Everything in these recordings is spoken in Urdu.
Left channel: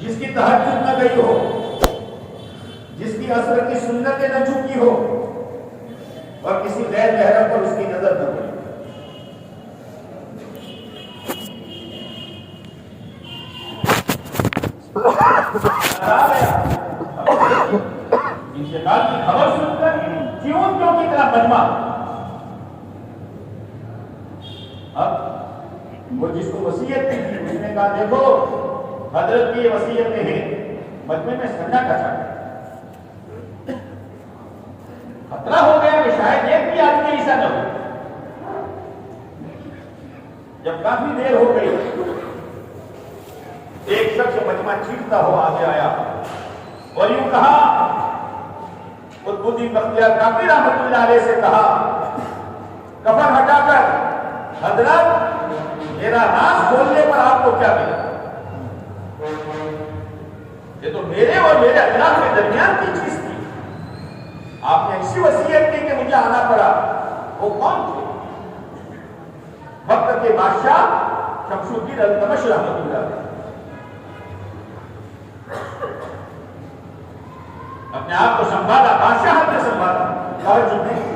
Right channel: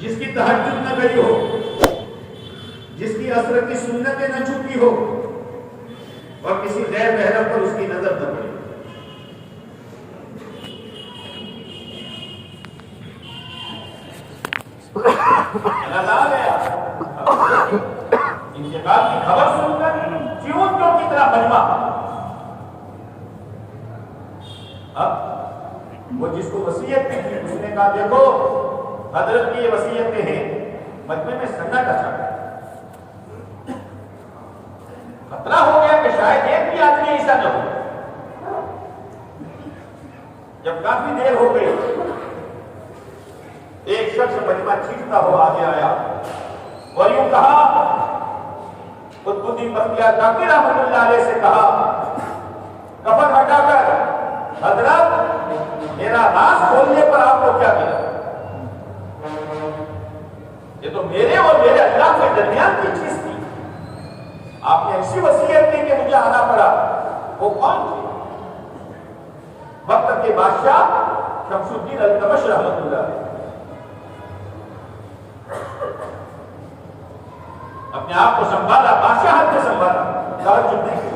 جس کی تہجد نہ گئی ہو، جس کی عصر کی سنتیں نہ چکی ہو اور کسی غیر محرم پر اس کی نظر نہ پڑی۔ انتقال کی خبر سن کر چیونٹوں کی طرح مجمع، اب وہ جس کو وصیت کی تھی اس نے کہا دیکھو حضرت کی یہ وصیتیں ہیں، مجمع میں سناٹا چھا گیا، خطرہ ہو گیا کہ شاید ایک بھی آدمی ایسا نہ ہو۔ جب کافی دیر ہو گئی، ایک شخص مجمع چیختا ہوا آگے آیا اور یوں کہا، قطب الدین بختیار کاکڑی رحمۃ اللہ علیہ سے کہا، کفن ہٹا کر حضرت میرا راز کھولنے پر آپ کو کیا ملا؟ یہ تو میرے اور میرے اللہ کے درمیان کی چیز تھی، آپ نے ایسی وصیت کی کہ مجھے آنا پڑا۔ وہ کون تھی؟ وقت کے بادشاہ شمس الدین التمش رحمۃ اللہ علیہ۔ اپنے آپ کو سنبھالا، بادشاہت سے سنبھالا، تہجد نہیں کی،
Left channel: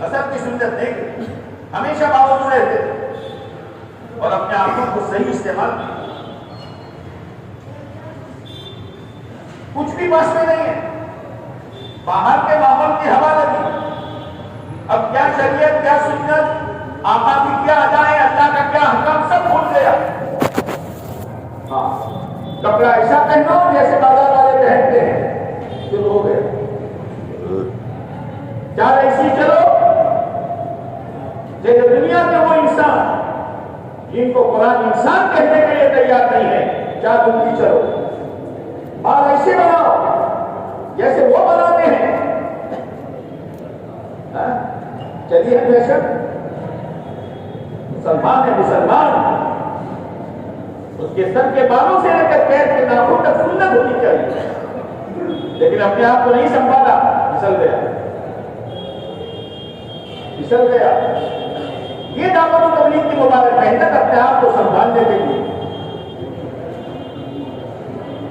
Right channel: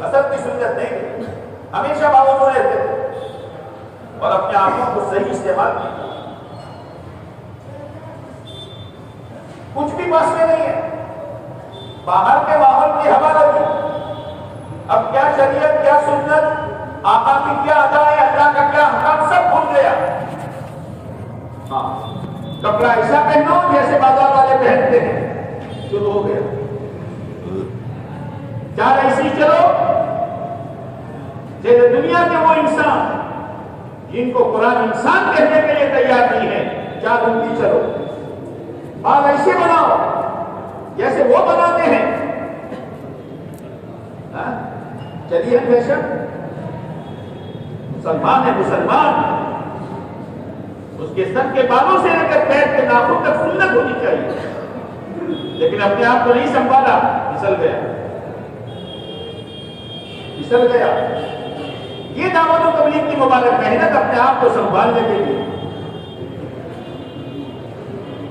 عصر کی سنت نہیں کی، ہمیشہ باوضو رہتے اور اپنے آنکھوں کو صحیح استعمال کیا۔ کچھ بھی بس میں نہیں ہے، باہر کے ماحول کی ہوا لگی، اب کیا شریعت، کیا سنت، آقا کی کیا ادائیں، اللہ کا کیا حکم، سب بھول گیا۔ ہاں، کپڑا ایسا پہنو جیسے بازار والے پہنتے ہیں، شروع ہو گیا۔ چار ایسی چلو جیسے دنیا کے وہ انسان جن کو قرآن انسان کہنے کے لیے تیار نہیں ہے، چار ان کی چلو۔ بال ایسے بناؤ جیسے وہ بناتے ہیں۔ چلیے بے شک مسلمان ہے، مسلمان اس کے سر کے بالوں سے لے کر پیر کے ناخن تک سنت ہونی چاہیے، لیکن اپنے آپ کو نہیں سنبھالا، پھسل گیا، پھسل گیا۔ یہ دعوت و تبلیغ کی مبارک محنت اپنے آپ کو سنبھالنے کے لیے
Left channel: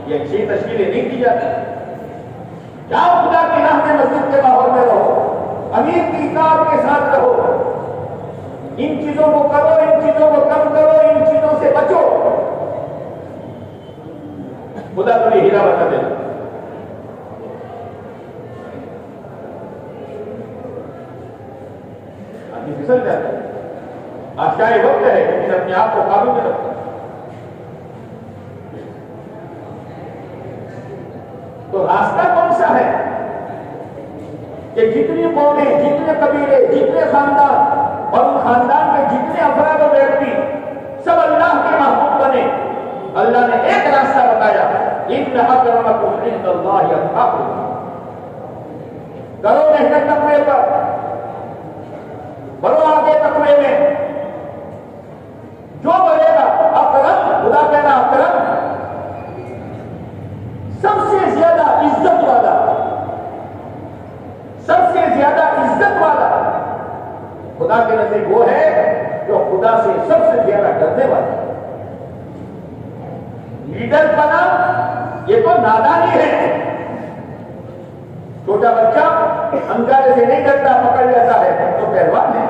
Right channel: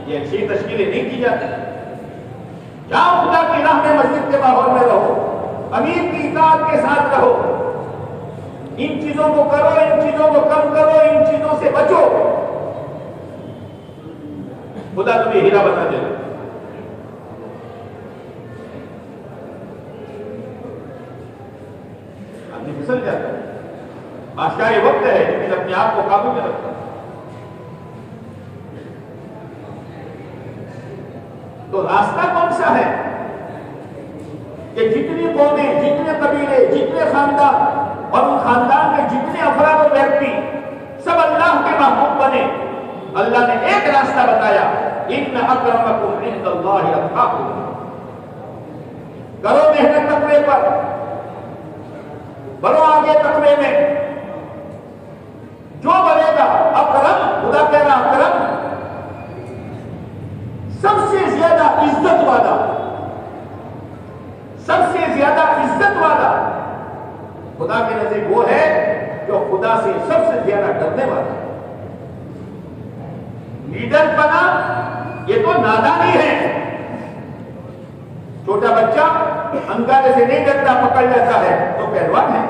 یہ اچھی تشکیلیں نہیں کی جاتی۔ جاؤ خدا کی راہ میں، مسجد کے ماحول میں رہو، امیر کی اطاعت کے ساتھ رہو، ان چیزوں کو کرو، ان چیزوں کو کم کرو، ان چیزوں سے بچو، خدا تمہیں ہیرا بنا دے۔ آدمی پھسل جاتا ہے، بادشاہ یہ وقت ہے لیکن اپنے آپ کو قابو میں رکھتا ہے۔ تو راستہ کون سا ہے کہ جتنی قومیں، جتنے قبیلے، جتنے خاندان اور ان خاندان کے جتنے افراد و ویکتی سب اللہ کے محبوب بنے؟ اللہ نے ایک راستہ بتایا، ان اکرمکم عند اللہ اتقاکم۔ کرو محنت تقوی پر، بڑھو آگے تقوی میں، جو بڑھے گا اکرم، خدا کہنا اکرم سب سے زیادہ عزت والا، سب سے زیادہ عزت والا خدا کے نزدیک وہ ہے جو خدا سے سب سے زیادہ ڈرنے والا۔ لیڈر بنا یہ تو نادانی ہے، چھوٹا بچہ انگارے سے نہیں ڈرتا، پکڑ لیتا ہے تو پہلوان ہے۔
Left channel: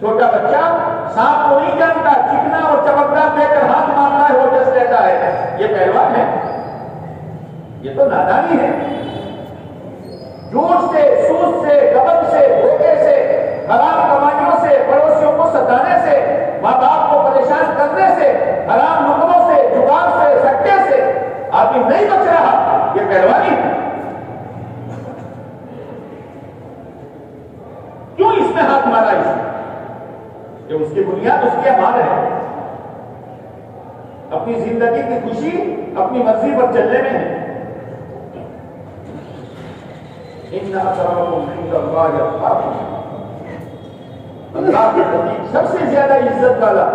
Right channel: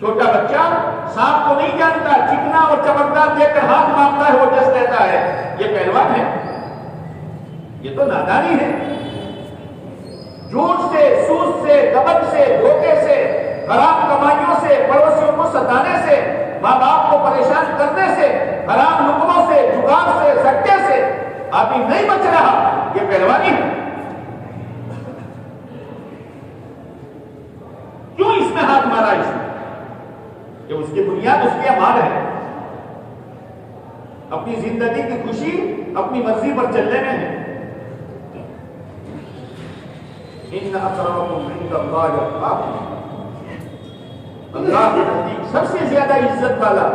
چھوٹا بچہ سانپ کو نہیں جانتا، چکنا اور چمکدار دیکھ کر ہاتھ مانگتا ہے، وہ ڈس لیتا ہے، یہ پہلوان ہے؟ یہ تو نادانی ہے۔ جھوٹ سے، سود سے، غبن سے، دھوکے سے، حرام کمائیوں سے، پڑوسیوں کو ستانے سے، ماں باپ کو پریشان کرنے سے، حرام نقلوں سے، جگار سے، سٹے سے آدمی نہیں بچ رہا، یہ پہلوانی ہے۔ کیوں اس میں ہاتھ مارا؟ اس نے کہ اس کی بنیاد اس کے مال ہے، اپنی زندگی کی خوشی اپنی مرضی پر چلنے میں ہے۔ ان اکرمکم عند اللہ اتقاکم، اللہ کے نزدیک سب سے زیادہ عزت والا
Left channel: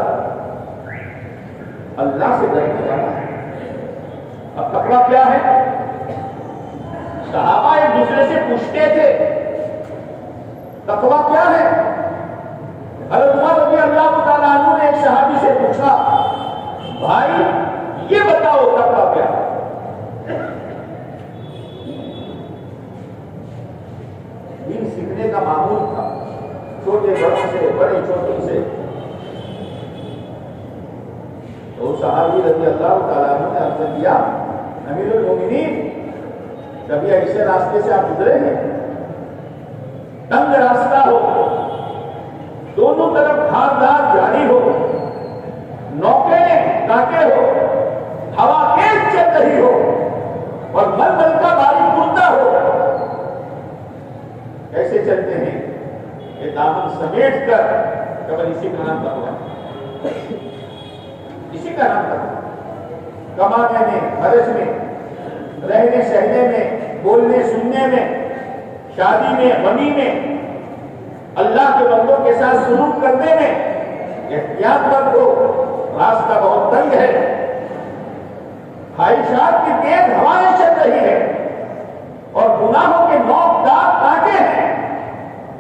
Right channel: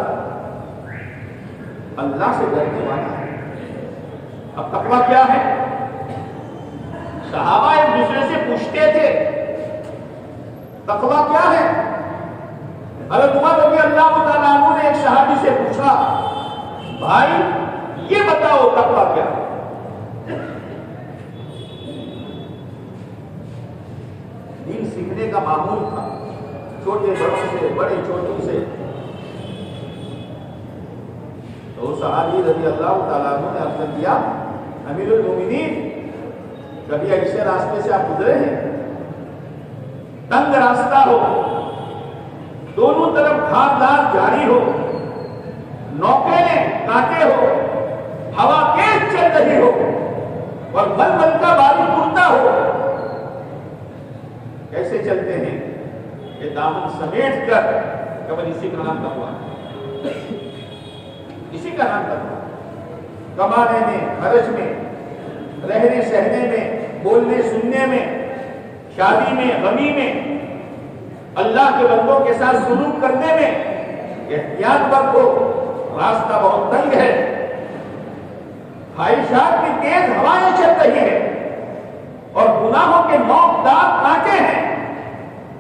اللہ سے ڈرنے والا ہے۔ اب تقویٰ کیا ہے؟ صحابہ ایک دوسرے سے پوچھتے تھے تقویٰ کیا ہے؟ حضرت عمر رضی اللہ تعالیٰ عنہ نے ایک صحابی سے پوچھا بڑے چھوٹوں سے. تو صحابی رضی اللہ تعالیٰ عنہ نے عرض کیا امیر المومنین کبھی ایسے راستے سے آپ گزرے ہیں؟ تنگ راستہ ہو، دونوں طرف گھاس جاری ہو، نوکیلے کانٹے ہو، ہوا تیز چل رہی ہو اور ململ کا بارش اڑتا ہو، کیسے چلتے ہیں؟ یہ دامن سمیٹ کر کبھی اسی کا نام تقویٰ ہے، اسی کا نام تقویٰ. کمانے میں، خرچ میں، رہنے سہنے میں، بولنے سننے میں، شادی میں، غمی میں، اللہ کے بندوں کے ساتھ سلوک کرنے میں احتیاط برتو. راستہ بہت تنگ ہے، خواہشات کی تیز ہوائیں چل رہی ہے اور گناہوں کے نوک داغ کانٹے ہیں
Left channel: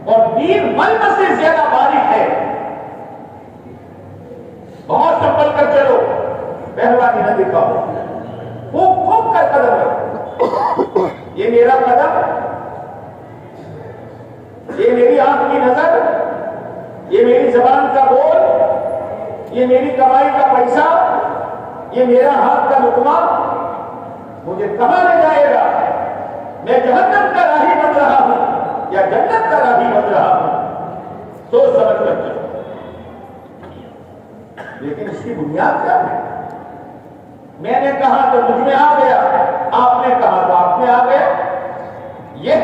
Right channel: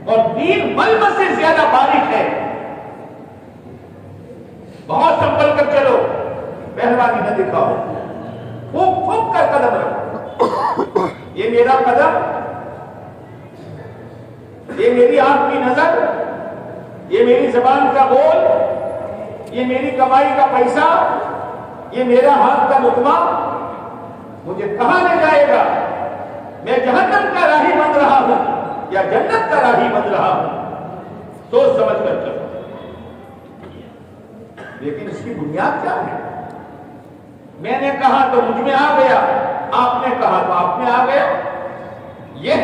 اور دین ململ سے زیادہ باریک ہے. بہت سنبھل کر چلو، پہلوانی نہ دکھاؤ، پھونک پھونک کر قدم رکھو. یہ میرا قدم، یہ میری آنکھ کی نظر، یہ میری زبان کا بول، یہ میری کمائی کا پیسہ، یہ میرا ہاتھ کا لقمہ مجھے کہاں لے جائے گا؟ میں جہنم کا راہی بن رہا ہوں یا جنت کا راہی بن رہا ہوں؟ سوچ سمجھ کر چلو. لیکن اس کی بنیاد کیا ہے؟ میں نے کہا تو مجھ میں آ گیا، آپ نے کہا تو آپ میں آ گیا، یہ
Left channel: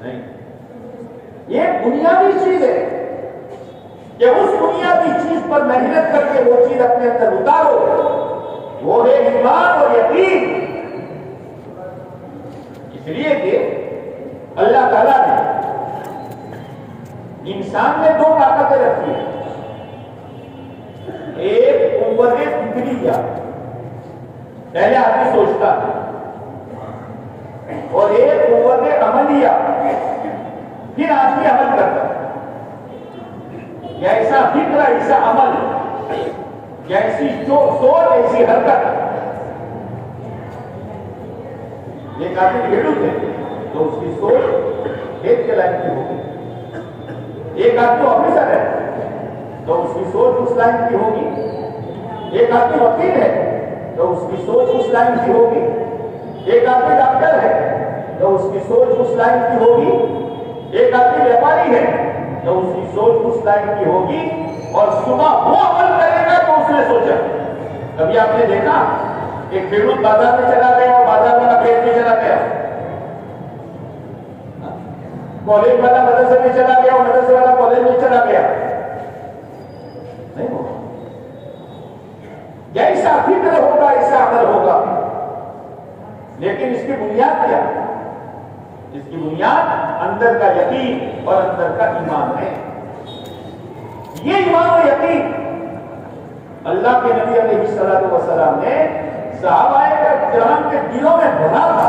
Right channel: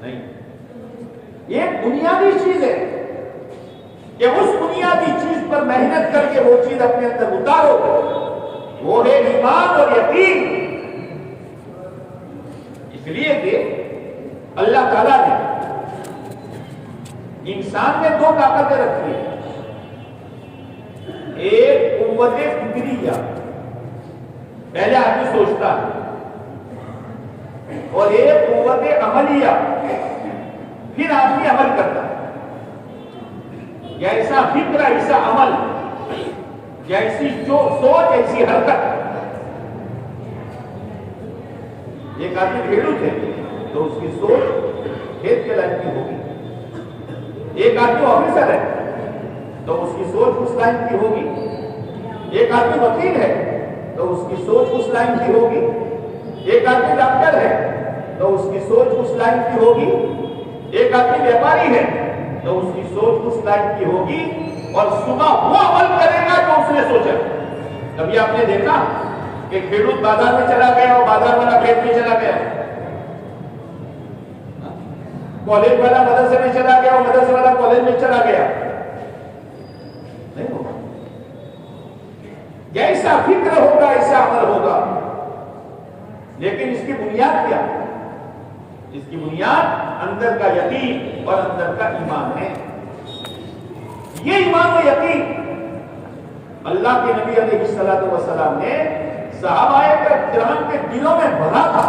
نہیں. یہ بنیادی چیز ہے کہ اس بنیادی چیز پر محنت کر کے وہ چیز اپنے اندر اتارو، وہ ہے ایمان اور یقین. اس لیے کہ اللہ تعالیٰ نے انسان میں دو طاقتیں رکھی ہیں، ایک قوت فکریہ، پہلے آدمی سوچتا ہے، اور ایک قوت عملیہ، پھر آدمی عمل کرتا ہے. جیسا فکر ایسا عمل، جیسی سوچ ایسی حرکت. ایک آدمی کھیڈوت ہے تو اس کی سوچ کھیت کے لائن کی ہوگی. ایک آدمی آفیسر ہے تو اس کی سوچ اس لائن کی ہوگی. ایک آدمی وکیل ہے تو اس کی سوچ اس لائن کی ہوگی. ایک آدمی ڈاکٹر ہے تو اس کی سوچ اس لائن کی ہوگی. ایک آدمی ویپاری ہے تو اس کی سوچ اس لائن کی ہوگی. اور صبح وہ عمل کرے گا جو اس نے سوچا. کبھی آپ نے دیکھا کہ کھیڈوت بازار میں چلا گیا اور بازار والا کھیت میں چلا گیا، کالج والا مدرسے میں چلا گیا اور مدرسے والا کالج میں چلا گیا؟ نہیں ہوگا. جیسا فکر ہوگا ایسا عمل ہوگا. لیکن اس کی بنیاد کیا؟ اس کی بنیاد اندر کا یقین اور اندر کا ایمان ہے. یہ ایمان و یقین اللہ کے نبی علیہ الصلوۃ والسلام نے صحابہ کرام کے دلوں میں بھرا تھا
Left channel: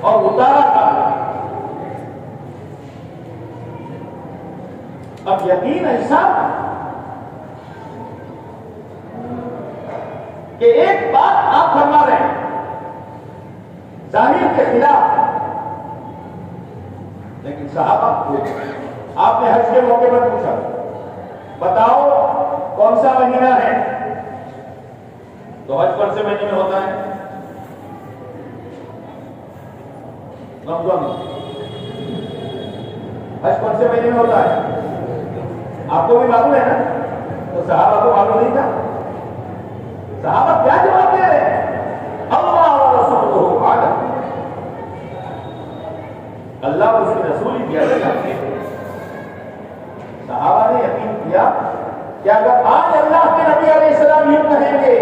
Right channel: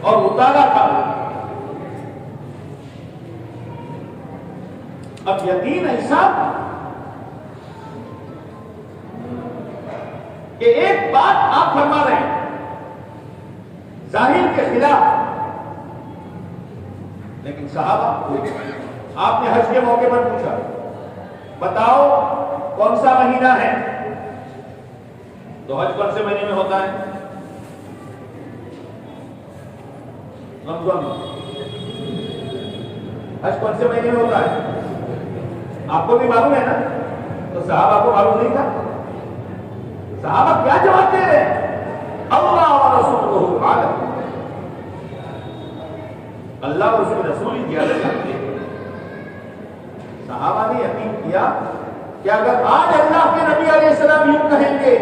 اور اتارا تھا. اب یقین ایسا کہ ایک بات آپ فرما رہے ہیں ظاہر کے خلاف، لیکن صحابہ آپ نے حج کے موقع پر پوچھا بتاؤ کون سا مہینہ ہے؟ تو حج کون سے مہینے میں ہوتا ہے؟ رمضان. حج کون سے مہینے میں ہوتا ہے؟ آپ کو بھی معلوم ہے نا. تو صحابہ کو معلوم نہیں تھا. صحابہ کیا جواب دے رہے ہیں؟ اللہ و رسولہ عالم. اللہ اور اس کے رسول ہی زیادہ جانتے ہیں. صحابہ نے یقین کیا کہ اگر آج اللہ کے نبی علیہ السلام یوں کہیں گے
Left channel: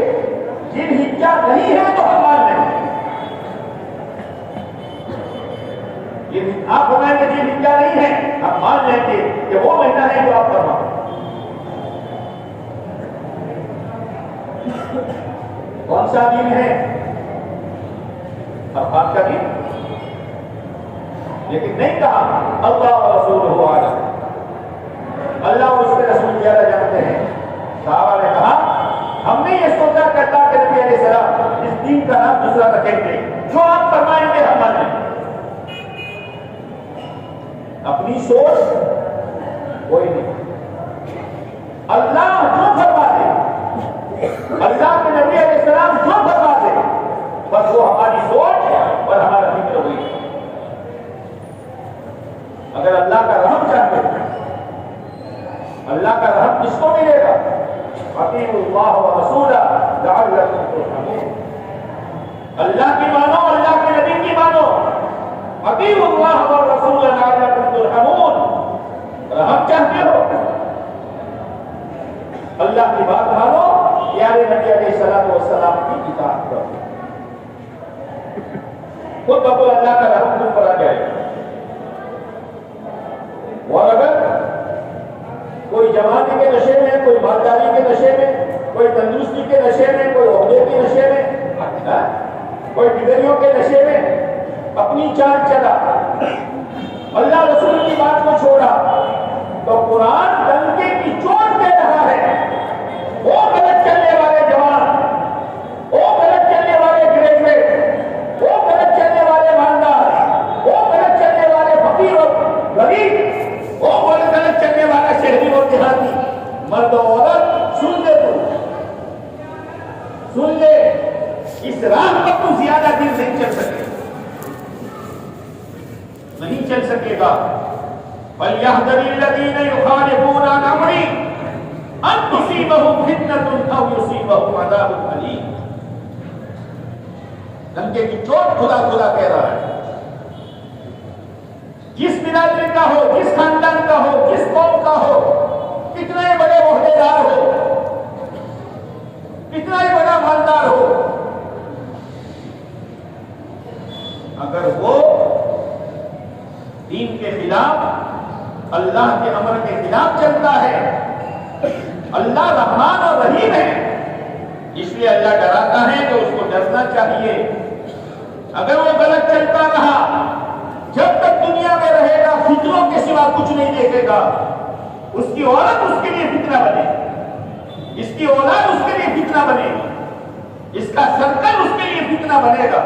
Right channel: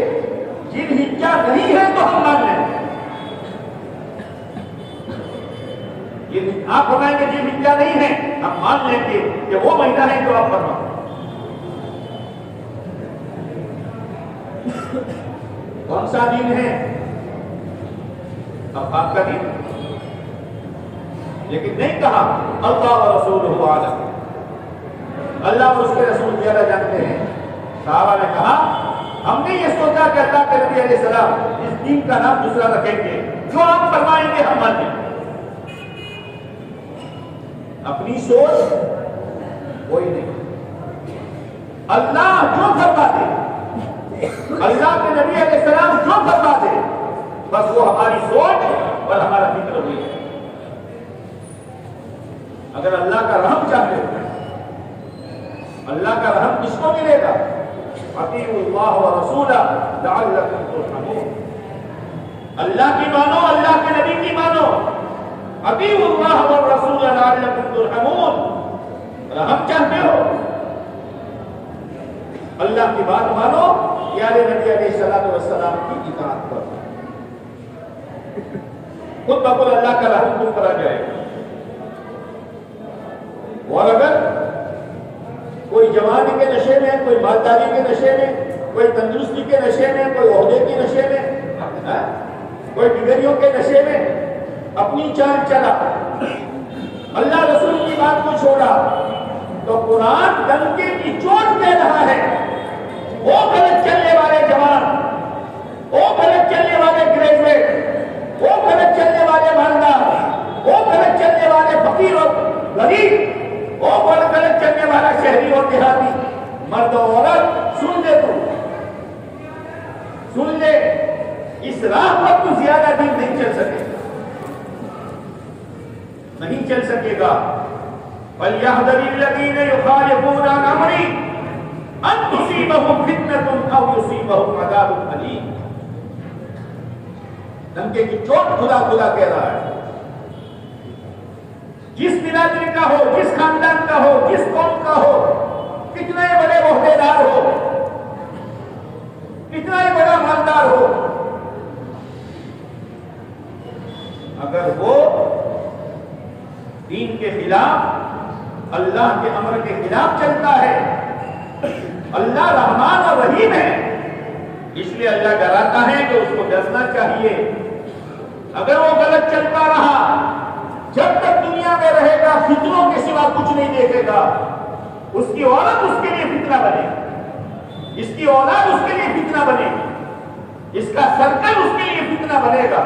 ذوالحجہ نہیں ہے تو ہم مان لیں گے. آپ فرمائیں گے ذوالحجہ نہیں ہے، ہم مان لیں گے کہ وہ مہینہ ہے جو آپ فرمائیں. کون سا دن ہے؟ عرفات کا دن. لیکن نہیں کہا اللہ و رسولہ عالم، اللہ اور اس کے رسول زیادہ جانتے ہیں. صحابہ نے کہا ہم نے یہ سوچا کہ اللہ کے نبی علیہ السلام اس دین کا نام دوسرا رکھیں گے، جو آپ فرمائیں گے ہم مان لیں گے. اپنی سوچ کوئی نہیں. اللہ جو فرما دے، اللہ کے نبی علیہ السلام جو فرما دے، بس وہ ہماری سوچ اور ہمارا فکر ہوئی. اگر اللہ کا رحم چاہتے ہیں، اللہ کا رحم کس کو ملے گا؟ اطیعوا اللہ ورسولہ لعلکم ترحمون. اللہ کی مانو، اللہ کے نبی کی مانو. اطیعوا اللہ والرسول لعلکم ترحمون. رحم چاہتے ہو، اللہ کی بات مانو، پیارے نبی علیہ الصلوۃ والسلام کی اطاعت کرو. خود بخود اللہ کا رحم تم پر آ جائے گا. اور اگر کوئی جوانی کے نشے میں، کوئی مالداری کے نشے میں، کوئی تندرستی کے نشے میں، کوئی عہدے کے نشے میں، کوئی ڈگریوں کے نشے میں اپنی چال چلا، اللہ رسول کی بات کو چھوڑا، تو قرآن ڈنکے کی چوٹ دے رہا ہے. وہ غلط چلنے والے جوان، وہ غلط چلنے والے گریجویٹ، وہ غلط چلنے والے مالدار، وہ غلط چلنے والے فقیر اور غریب، وہ غلط چلنے والا شہری اور دیہاتی، مرد و عورت، سن لے، تو سن لے، اس راہ پر تو زیادہ دن نہیں چل سکے، نہیں چل سکے گا. فَلْيَحْذَرِ الَّذِينَ يُخَالِفُونَ عَنْ أَمْرِهِ أَن تُصِيبَهُمْ فِتْنَةٌ أَوْ يُصِيبَهُمْ عَذَابٌ أَلِيمٌ. دھمکے کی چوٹ کھلا کھلا کہہ رہا ہے. جس برادری کا ہو، جس خاندان کا ہو، جس قوم کا ہو، کتنا ہی بڑے عہدیدار ہو، کتنا ہی بڑا مالدار ہو، اگر وہ دین کے خلاف، اللہ کے امر کے خلاف چلتا ہے، اللہ رحمان اور رحیم ہے، اس لیے اللہ ڈراتا ہے کہ اس کو ڈرنا چاہیے. اگر وہ غلط چلتا رہا، جب تک دنیا میں رہے گا فتنوں کے سوا کچھ نہیں دیکھے گا. اس کی اولاد اس کے لیے فتنہ بنے گی، اس کی اولاد اس کے لیے فتنہ بنے گی، اس کا سرکل اس کے لیے فتنہ بنے گا،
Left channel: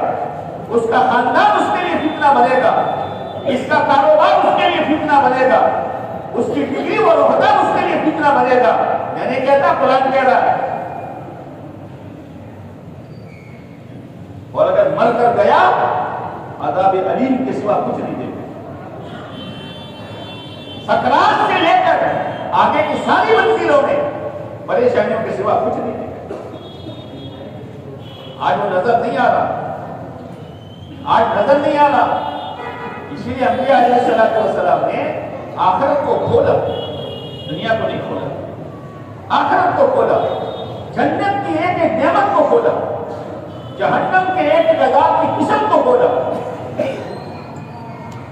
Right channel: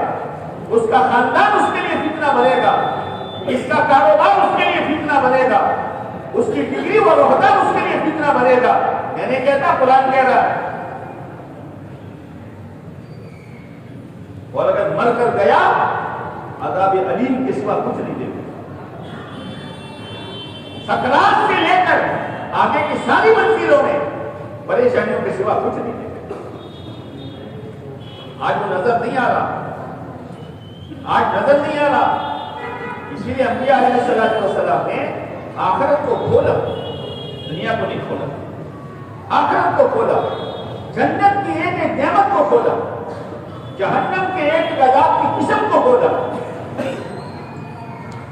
اس کا خاندان اس کے لیے فتنہ بنے گا، اس کا کاروبار اس کے لیے فتنہ بنے گا، اس کی ڈگری اور عہدہ اس کے لیے فتنہ بنے گا. میں نہیں کہتا، قرآن کہہ رہا ہے. اور اگر مر کر گیا، عذاب علیم کے سوا کچھ نہیں دے گا. سکرات سے لے کر آگے کی ساری منزلوں میں پریشانیوں کے سوا کچھ نہیں دے گا. آج وہ نظر نہیں آ رہا، آج نظر نہیں آ رہا. اسی لیے انبیاء علیہ الصلوۃ والسلام نے آخرت کو کھولا، دنیا کو نہیں کھولا. آخرت کو کھولا، جنت کی ایک ایک نعمت کو کھولا، جہنم کے ایک عذاب کی قسم کو کھولا.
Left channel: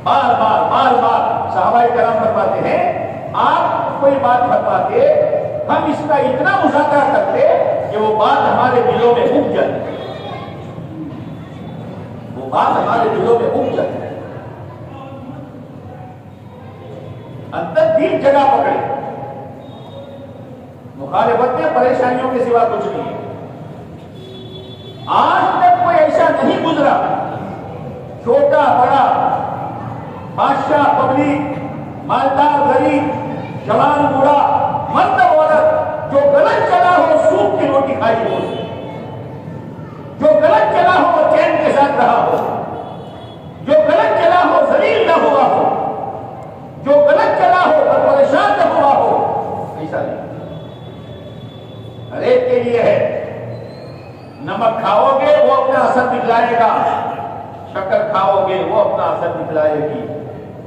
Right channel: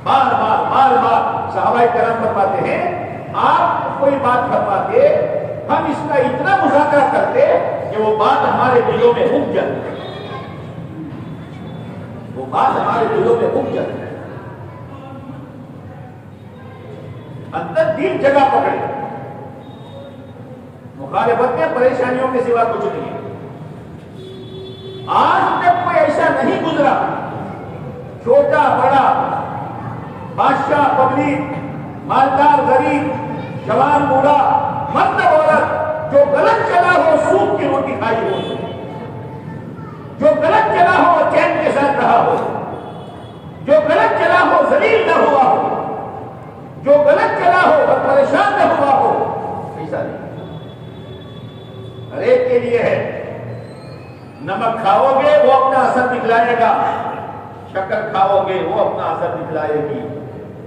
بار بار بار بار صحابہ کرام فرماتے ہیں، آپ کوئی بات فرماتے، ہم اس کا اتنا مذاکرہ کرتے کہ وہ بات ہمارے دلوں میں اگ جاتی، وہ بات ہمارے دلوں میں اگ جاتی، اندر دل جگہ پکڑے. مخالفت میں پریشانیوں کے سوا کچھ نہیں ہے. آج تک کوئی ایسا نہیں گزرا، چھوٹا بڑا، بادشاہ پبلک، مالدار غریب، جوان بوڑھا، مرد عورت، جو غلط چلا ہو سوکھ کی روٹی کھائی ہو، جو غلط چلا ہو وہ چین کے ساتھ رہا ہو، جو غلط چلا ہو ذلیل نہ ہوا ہو، جو غلط چلا ہو وہ پریشان نہ ہوا ہو. ایسا نہیں، ہر ایک کے لیے ہے. نمک کھاؤ گے وہ اپنا اثر دکھلائے گا، شکر کھاؤ گے وہ اپنا اثر دکھلائے گی.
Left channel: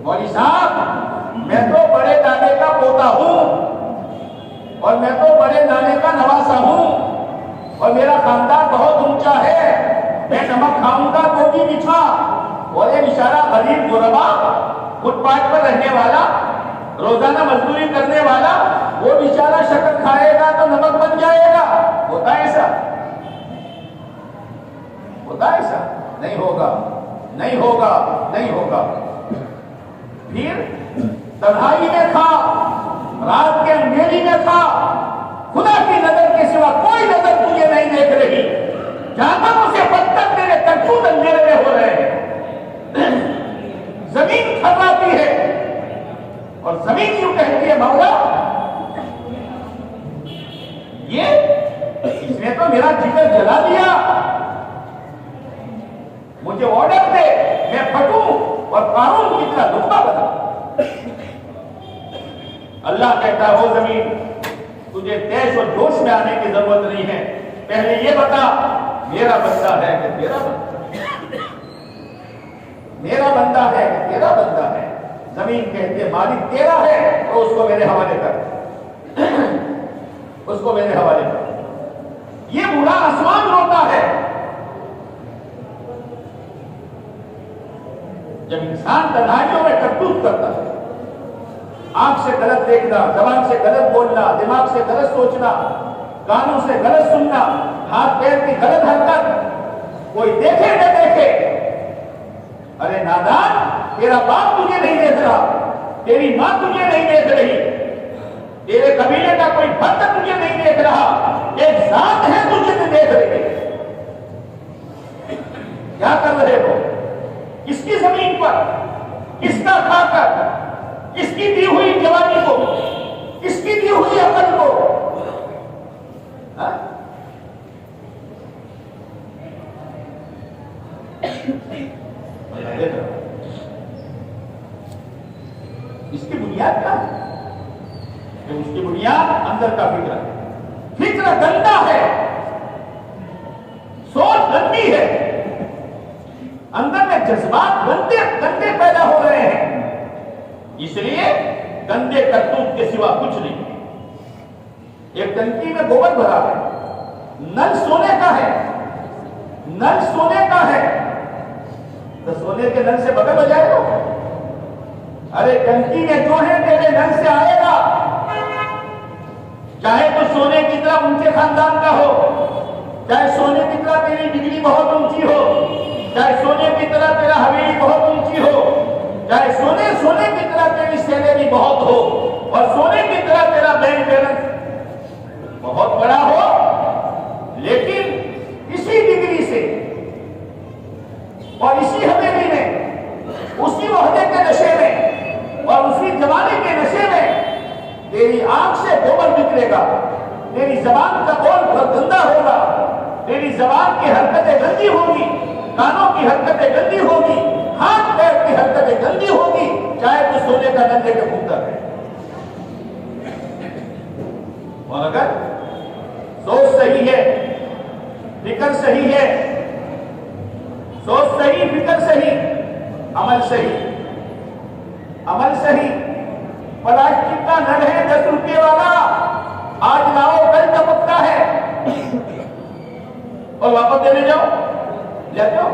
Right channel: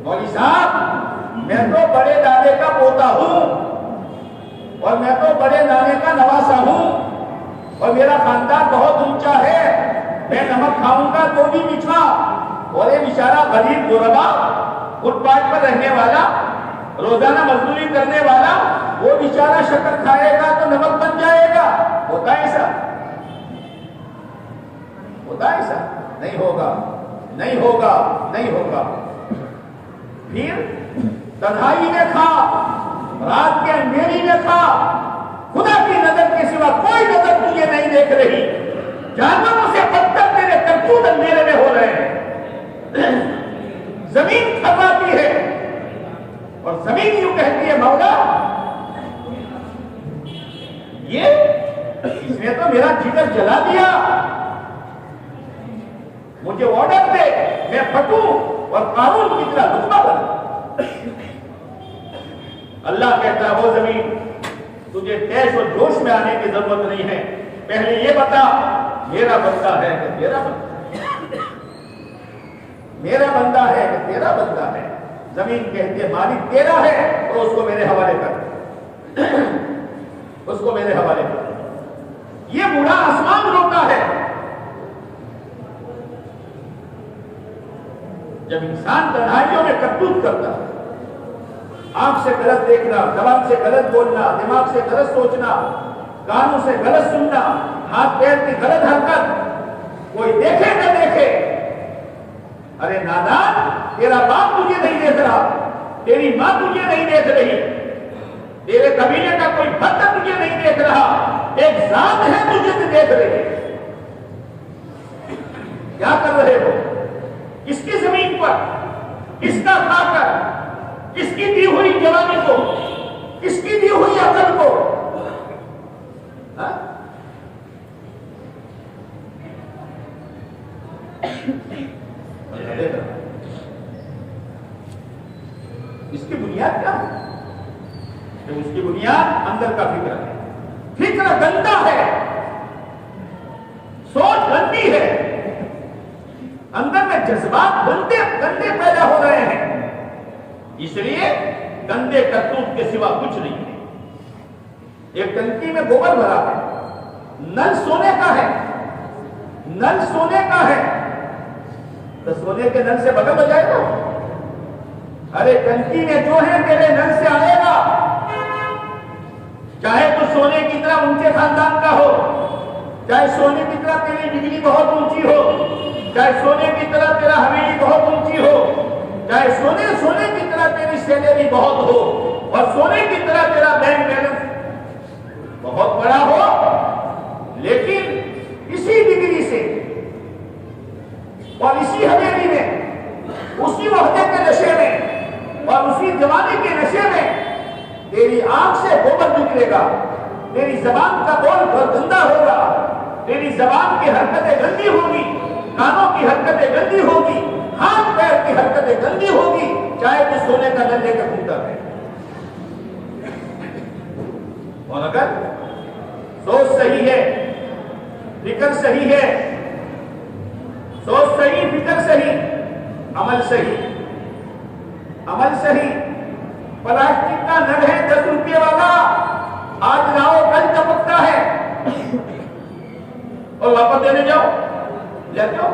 مولوی صاحب، میں تو بڑے دادے کا پوتا ہوں اور میں تو بڑے نانے کا نواسا ہوں اور میرا خاندان بہت اونچا ہے، میں نمک کھاؤں گا تو بھی میٹھا. اور یہ بیچارہ غریب غربا، فٹ پاتھ پر رہنے والا، روزانہ مزدوری کرنے والا، وہ بیچارہ شکر کھائے گا تو نمک بن جائے گا. ہوتا ہے ایسا؟ ہوتا ہے ایسا؟ نہیں ہوگا، نہیں ہوگا، نہیں ہوگا. پھر تنہائی میں کھا، رات کے اندھیری میں کھا، خدا کی نظر کے سوا کوئی نظر تجھے نہیں دیکھ رہی. جانوروں سے بدتر تیرے کرتوت اندھیرے میں ہو رہے ہیں. زمین تھپاتی ہے اور زمین یوں کہتی ہے مولا اس نے تو میرا جگر جلا دیا، مجھے آرڈر دے میں پھٹوں اور قارون کی طرح دشمن بنا۔ اللہ کہتا ہے وہ زمین تجھے تیش اور جوش میں آنے کی ضرورت نہیں ہے، پہلے یہ بتا میرا بندہ ہے کہ تیرا بندہ ہے، میرا بندہ ہے کہ تیرا بندہ ہے۔ زمین کہتے ہیں مالک تیرا ہے اور اس کو میرے حوالے کر، اس کو میرے حوالے کر۔ یہ بوڑھا آسمان روتا ہے جب انسان تنہائیوں میں کرتوت کرتا ہے، آنکھ سے غلط دیکھنا، زبان سے غلط بولنا، دماغ سے غلط سوچنا، کانوں سے غلط سننا، ہاتھ پیر کی غلط حرکت، کوئی دیکھے نہ دیکھے، ارے نادان تیرا باپ تجھے نہیں دیکھ رہا، تیری ماں تجھے نہیں دیکھ رہی، تیرے قبیلے کا کوئی فرد تجھے نہیں دیکھ رہا، ایک ذات ہے تجھے دیکھ رہی ہے۔ کیا کر رہے ہو؟ کس کی زمین پر، کس کا کھا کر، کس کی دی ہوئی جوانی کو، کس کی دی ہوئی عقل کو؟ اس کی بنیاد کیا ہے؟ اس کی بنیاد اندر کا فکر ہے، فکر گندا ہے، سوچ گندی ہے، اندر میں جذبات گندے پیدا ہو رہے ہیں، اس لیے گندے کرتوت کے سوا کچھ نہیں ہے۔ ایک ٹنکی میں گوبر بھرا ہے، نل سونے کا ہے، نل سونے کا ہے تو سونے کے نل سے بغل بجائے گا؟ ارے ٹنکی میں جو ہے تیرے نل سے آئے گا، چاہے تو سونے کی طرح اونچے خاندان کا ہو، چاہے سونے کی طرح تیری ڈگری بہت اونچی ہو، چاہے سونے کی طرح تیرا حویلی بہت اونچی ہو، چاہے سونے کی طرح تیری سیلری بہت ہو، اور سونے کی طرح تیرا بینک بیلنس بہت بڑا ہو، لیکن اسی ڈگری سے اور اسی حویلی میں، اسی وحدے کے نشے میں اور اسی جوانی کے نشے میں تیری آنکھ سے گوبر نکلے گا، تیری زبان کا بول گندا ہوگا، تیری زبان کی حرکتیں گندی ہوگی، کانوں کی حرکتیں گندی ہوگی، ہاتھ پیر کی حرکتیں گندی ہوگی، چاہے تو سونے کا گندے کے پوتر ہے۔ اور اگر سوچ صحیح ہے، فکر صحیح ہے، سوچ صحیح، فکر صحیح، عمل صحیح، عمل صحیح، پلاسٹک کا نل ہے 10 روپے والا، آج لاؤ کل چمکتا ہے اور واپس دینے جاؤ، لیتے ہو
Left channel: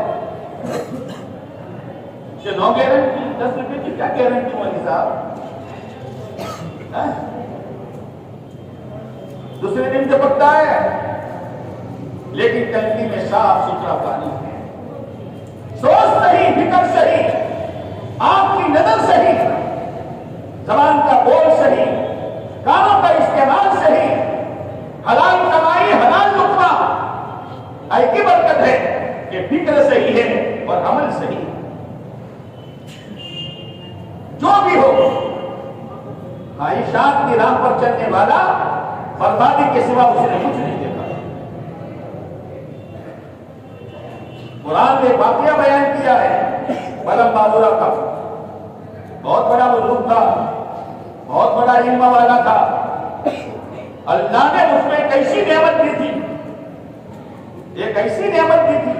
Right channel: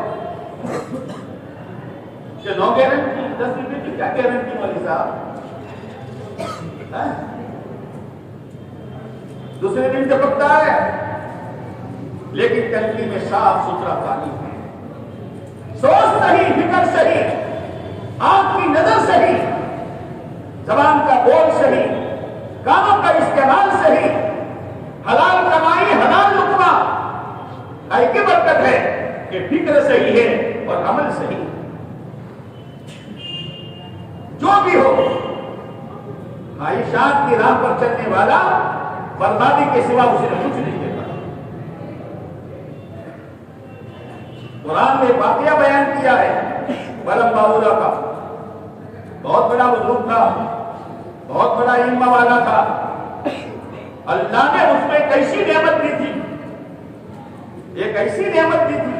کہ نو گارنٹی، 10 روپے کی کیا گارنٹی والی صاحب؟ دوسرے دن چمکتا ہے، لیکن ٹنکی میں صاف ستھرا پانی ہے۔ سوچ صحیح، فکر صحیح، آنکھ کی نظر صحیح، زبان کا بول صحیح، کانوں کا استعمال صحیح، حلال کمائی، حلال لقمہ، ایسی برکت ہے کہ فکر صحیح ہے اور عمل صحیح ہے۔ جو بھی ہو، خواہشات کی راہ پر چلنے والا بربادی کے سوا اسے کچھ نہیں دیتا۔ قرآن نے واقعہ بیان کیا ہے بلم بابورا کا، بہت بڑا بزرگ تھا، بہت بڑا علم والا تھا، اللہ نے اس میں ایک ایسی نعمت دی تھی، ایک ایسی نعمت دی تھی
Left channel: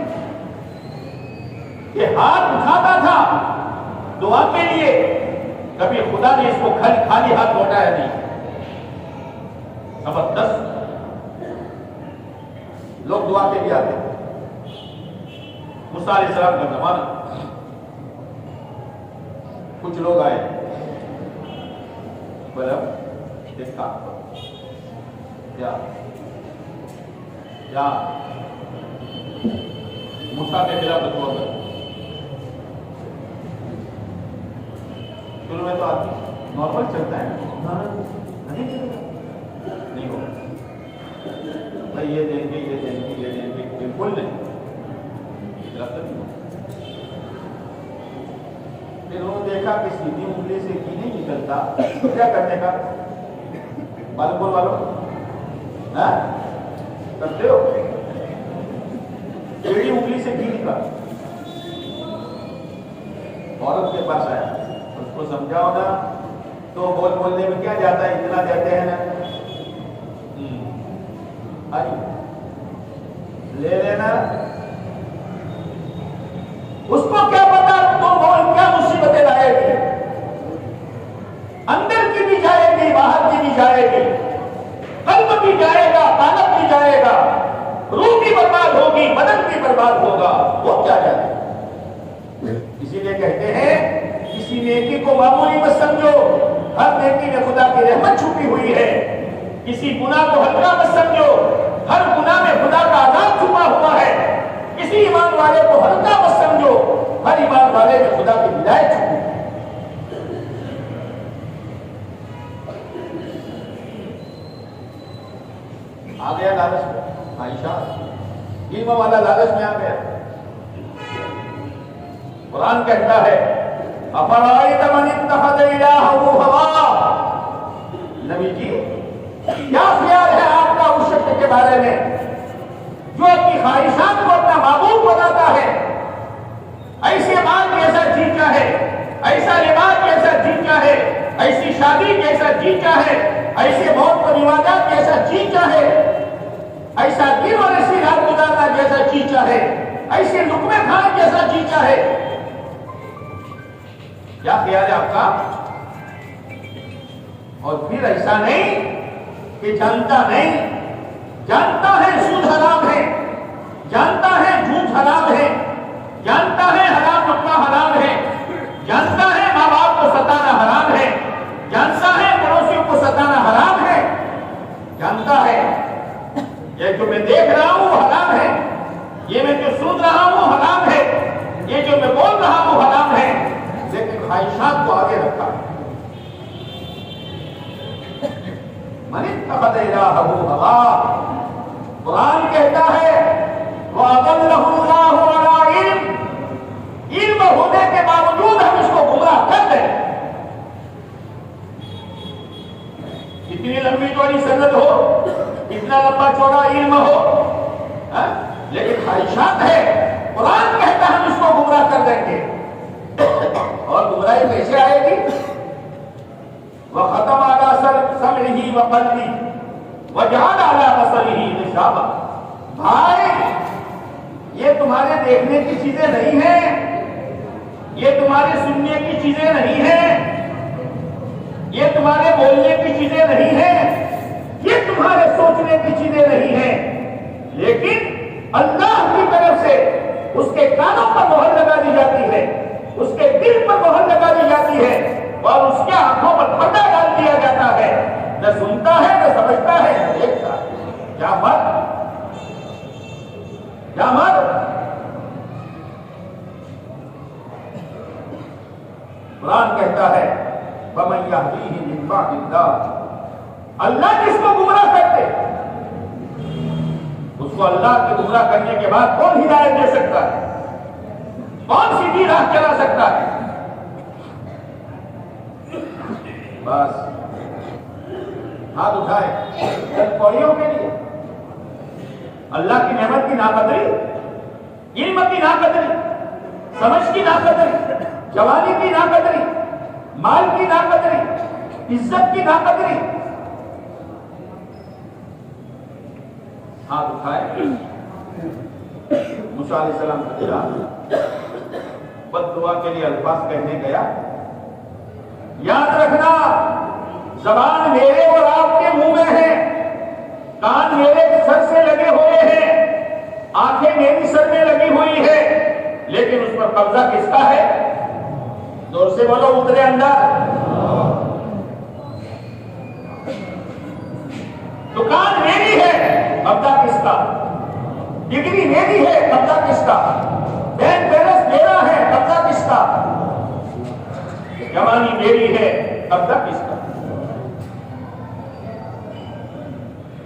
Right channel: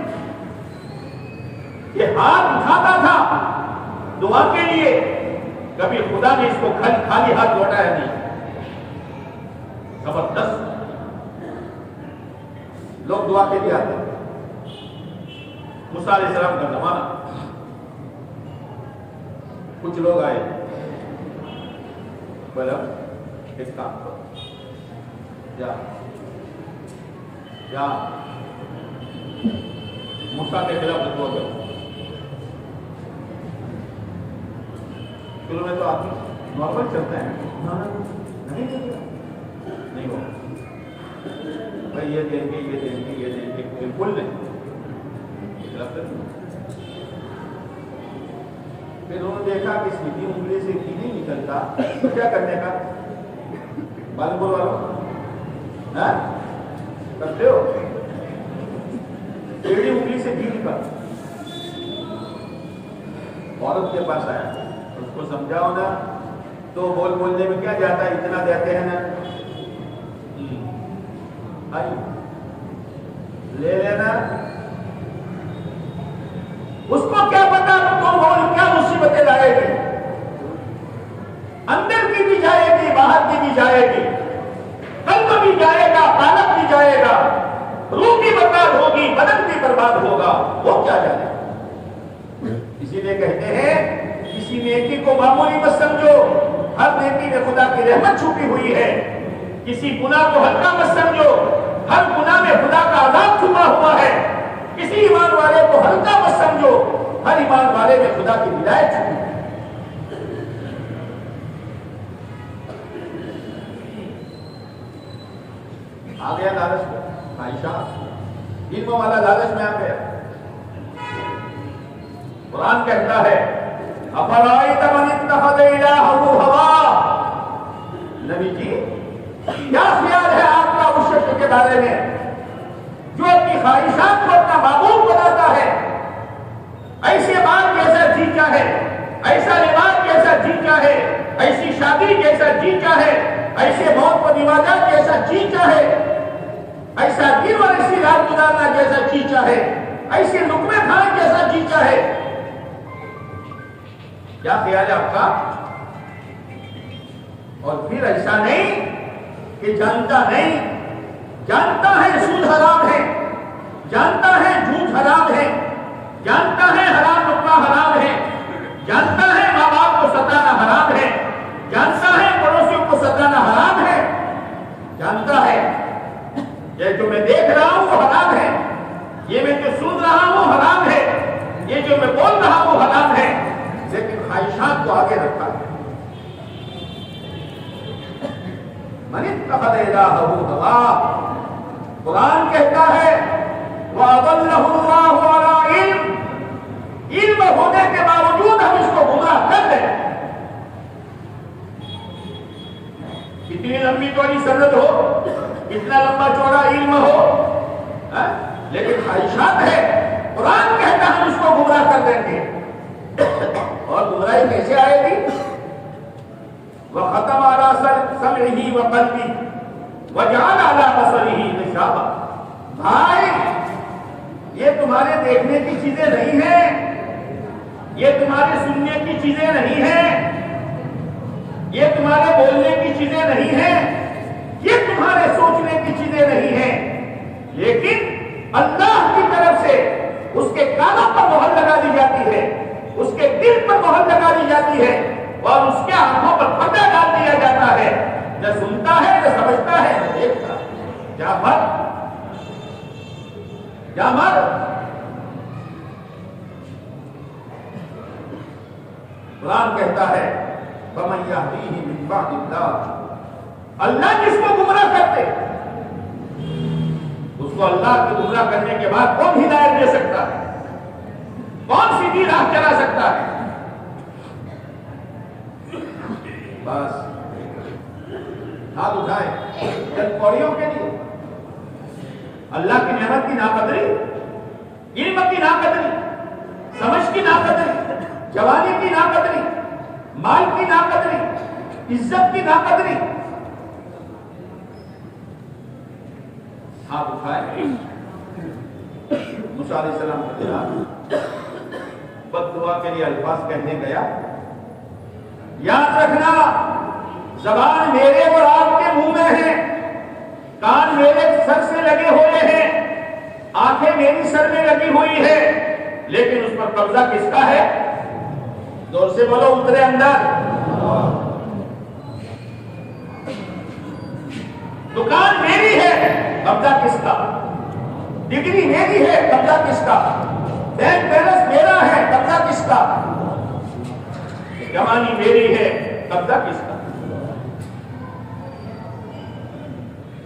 کہ ہاتھ اٹھاتا تھا دعا کے لیے، کبھی خدا نے اس کو خالی ہاتھ لوٹایا نہیں۔ زبردست لوگ دعا کے لیے آتے، موسیٰ علیہ السلام کا زمانہ، کچھ لوگ آئے، بولا اس کام کرو، یا موسیٰ کے خلاف فتویٰ کرو۔ شروع میں تو آدمی نارمل چلتا ہے، نہیں ہوگا بھائی، یہ دیں گے، یہ دیں گے، یہ دیں گے، کوئی بول نہیں، پھر انہوں نے دیکھا کہ سیدھی انگلی سے گھی نہیں نکلتا تو کیا کرنے کا؟ بالپور والوں کرتے ہو ٹیڑھی انگلی سے گھی نکل. عورت کے پاس آیا, اس کو سمجھاؤ نا, تو بولنے میں کیا جاتا ہے, اتنا دیتے ہیں نا, لے لینا. اس کو کیا پتا تو بول کیا مصیبتیں لائے گی, اندر کی بھی جائے گی باہر کی بھی جائے گی, قلب بھی جائے گا قالب بھی جائے گا, روح بھی برباد ہوگی بدن بھی برباد ہوگا, وہ کیا جائے. اسی لیے کہتے ہیں کسی نیکی کو معمولی مت سمجھو, ہر نیکی میں خدا کی رحمت چھپی ہوئی ہے. کسی گناہ کو ہلکا مت سمجھو, ہر گناہ میں خدا کا عذاب چھپا ہوا ہے. کسی ایمان والے کو ہلکا مت سمجھو, ہر ایمان والے میں خدا کی ہدایت چھپی ہے. آ گیا لالچ میں, خواہشات علم والا لالچ میں آ گیا. قرآن کہتا ہے افرائیت من اتخذ الہہ ہوا. نبی جی کیا خیال ہے آپ کا اس شخص کے بارے میں جو اپنی خواہشات کو اپنا معبود بناتا ہے, ایسے بات جیسا جی چاہے, ایسا لباس جیسا جی چاہے, ایسی شادی جیسا جی چاہے, ایسے موت و نواجات جیسا جی چاہے, ایسا دن اور ایسی رات گزارنا جیسا جی چاہے, ایسے لقمے کھانا جیسا جی چاہے. کیا خیال ہے آپ کا؟ اور پھر ایسا نہیں کہ جانتا نہیں, جانتا ہے سود حرام ہے, جانتا ہے جھوٹ حرام ہے, جانتا ہے حرام لقمہ حرام ہے, جانتا ہے ماں باپ کو ستانا حرام ہے, جانتا ہے پڑوسیوں کو ستانا حرام ہے, جانتا ہے یہ جو میں دیکھ رہا ہوں وہ حرام ہے, یہ میں جو سن رہا ہوں حرام ہے, یہ جو میں بول رہا ہوں حرام ہے, لیکن خواہشات کو آگے رکھا ہے. من اتخذ الہہ ہوا, قرآن کہتا ہے وَأَضَلَّهُ اللَّهُ عَلَىٰ عِلْمٍ, علم ہونے کے باوجود ہم اس کو گمراہ کر دیں. کتنی لمبی چوڑی سند ہو, کتنا لمبا چوڑا علم ہو, لیکن خواہشات ہے, قرآن کہتا ہے ہم اس کو گمراہ کر دیں گے. اور گمراہی کیسے آئے گی؟ وَخَتَمَ عَلَىٰ سَمْعِهِ وَقَلْبِهِ وَجَعَلَ عَلَىٰ بَصَرِهِ غِشَاوَةً. بھائی یہ تمہارے دیکھنے کی چیزیں نہیں ہیں, یہ تمہارے سننے کی چیزیں نہیں ہیں, یہ تمہارے بولنے کی چیزیں نہیں ہیں, یہ تمہارے سوچنے کی چیزیں نہیں ہیں, لیکن اللہ کی طرف سے اس کے کانوں پر مہر لگا دی جاتی ہے, اس کے دل پر مہر لگا دی جاتی ہے, اور اس کے آنکھوں پر پردہ ڈال دیا جاتا ہے. نہ سنتا ہے نہ سمجھتا ہے نہ دیکھتا ہے. کیا مت کیا مت. قرآن کہتا ہے فَمَن يَهْدِيهِ مِن بَعْدِ اللَّهِ, اللہ جس کو گمراہ کرتے اس کو اللہ کے گمراہ کرنے کے بعد کون ہدایت دے سکتا ہے, کون سیدھی راہ چلا سکتا ہے؟ بس ہاتھ اٹھائے چند پوڑیوں کے لیے. اللہ کی نعمت کی ناقدری, علم کی ناقدری, سمجھ کی ناقدری, جوانی کی ناقدری, مال کی ناقدری, عزت کی ناقدری. ہاتھ اٹھائے. موسیٰ علیہ السلام کا خطاب بد دعا کے لیے الفاظ کہنے گیا. یاد رکھنا زبان میرے اور آپ کے منہ میں ہے, کان میرے سر سے لگے ہوئے ہیں, آنکھیں میری سر میں لگی ہوئی ہے, لیکن اس پر قبضہ کس کا ہے؟ زور سے بولو, اترے اندر. دکان میری ہے, قبضہ کس کا؟ ڈگری میری ہے, قبضہ کس کا؟ بینک بیلنس میرا ہے, قبضہ کس کا؟ جوانی میری ہے, قبضہ کس کا؟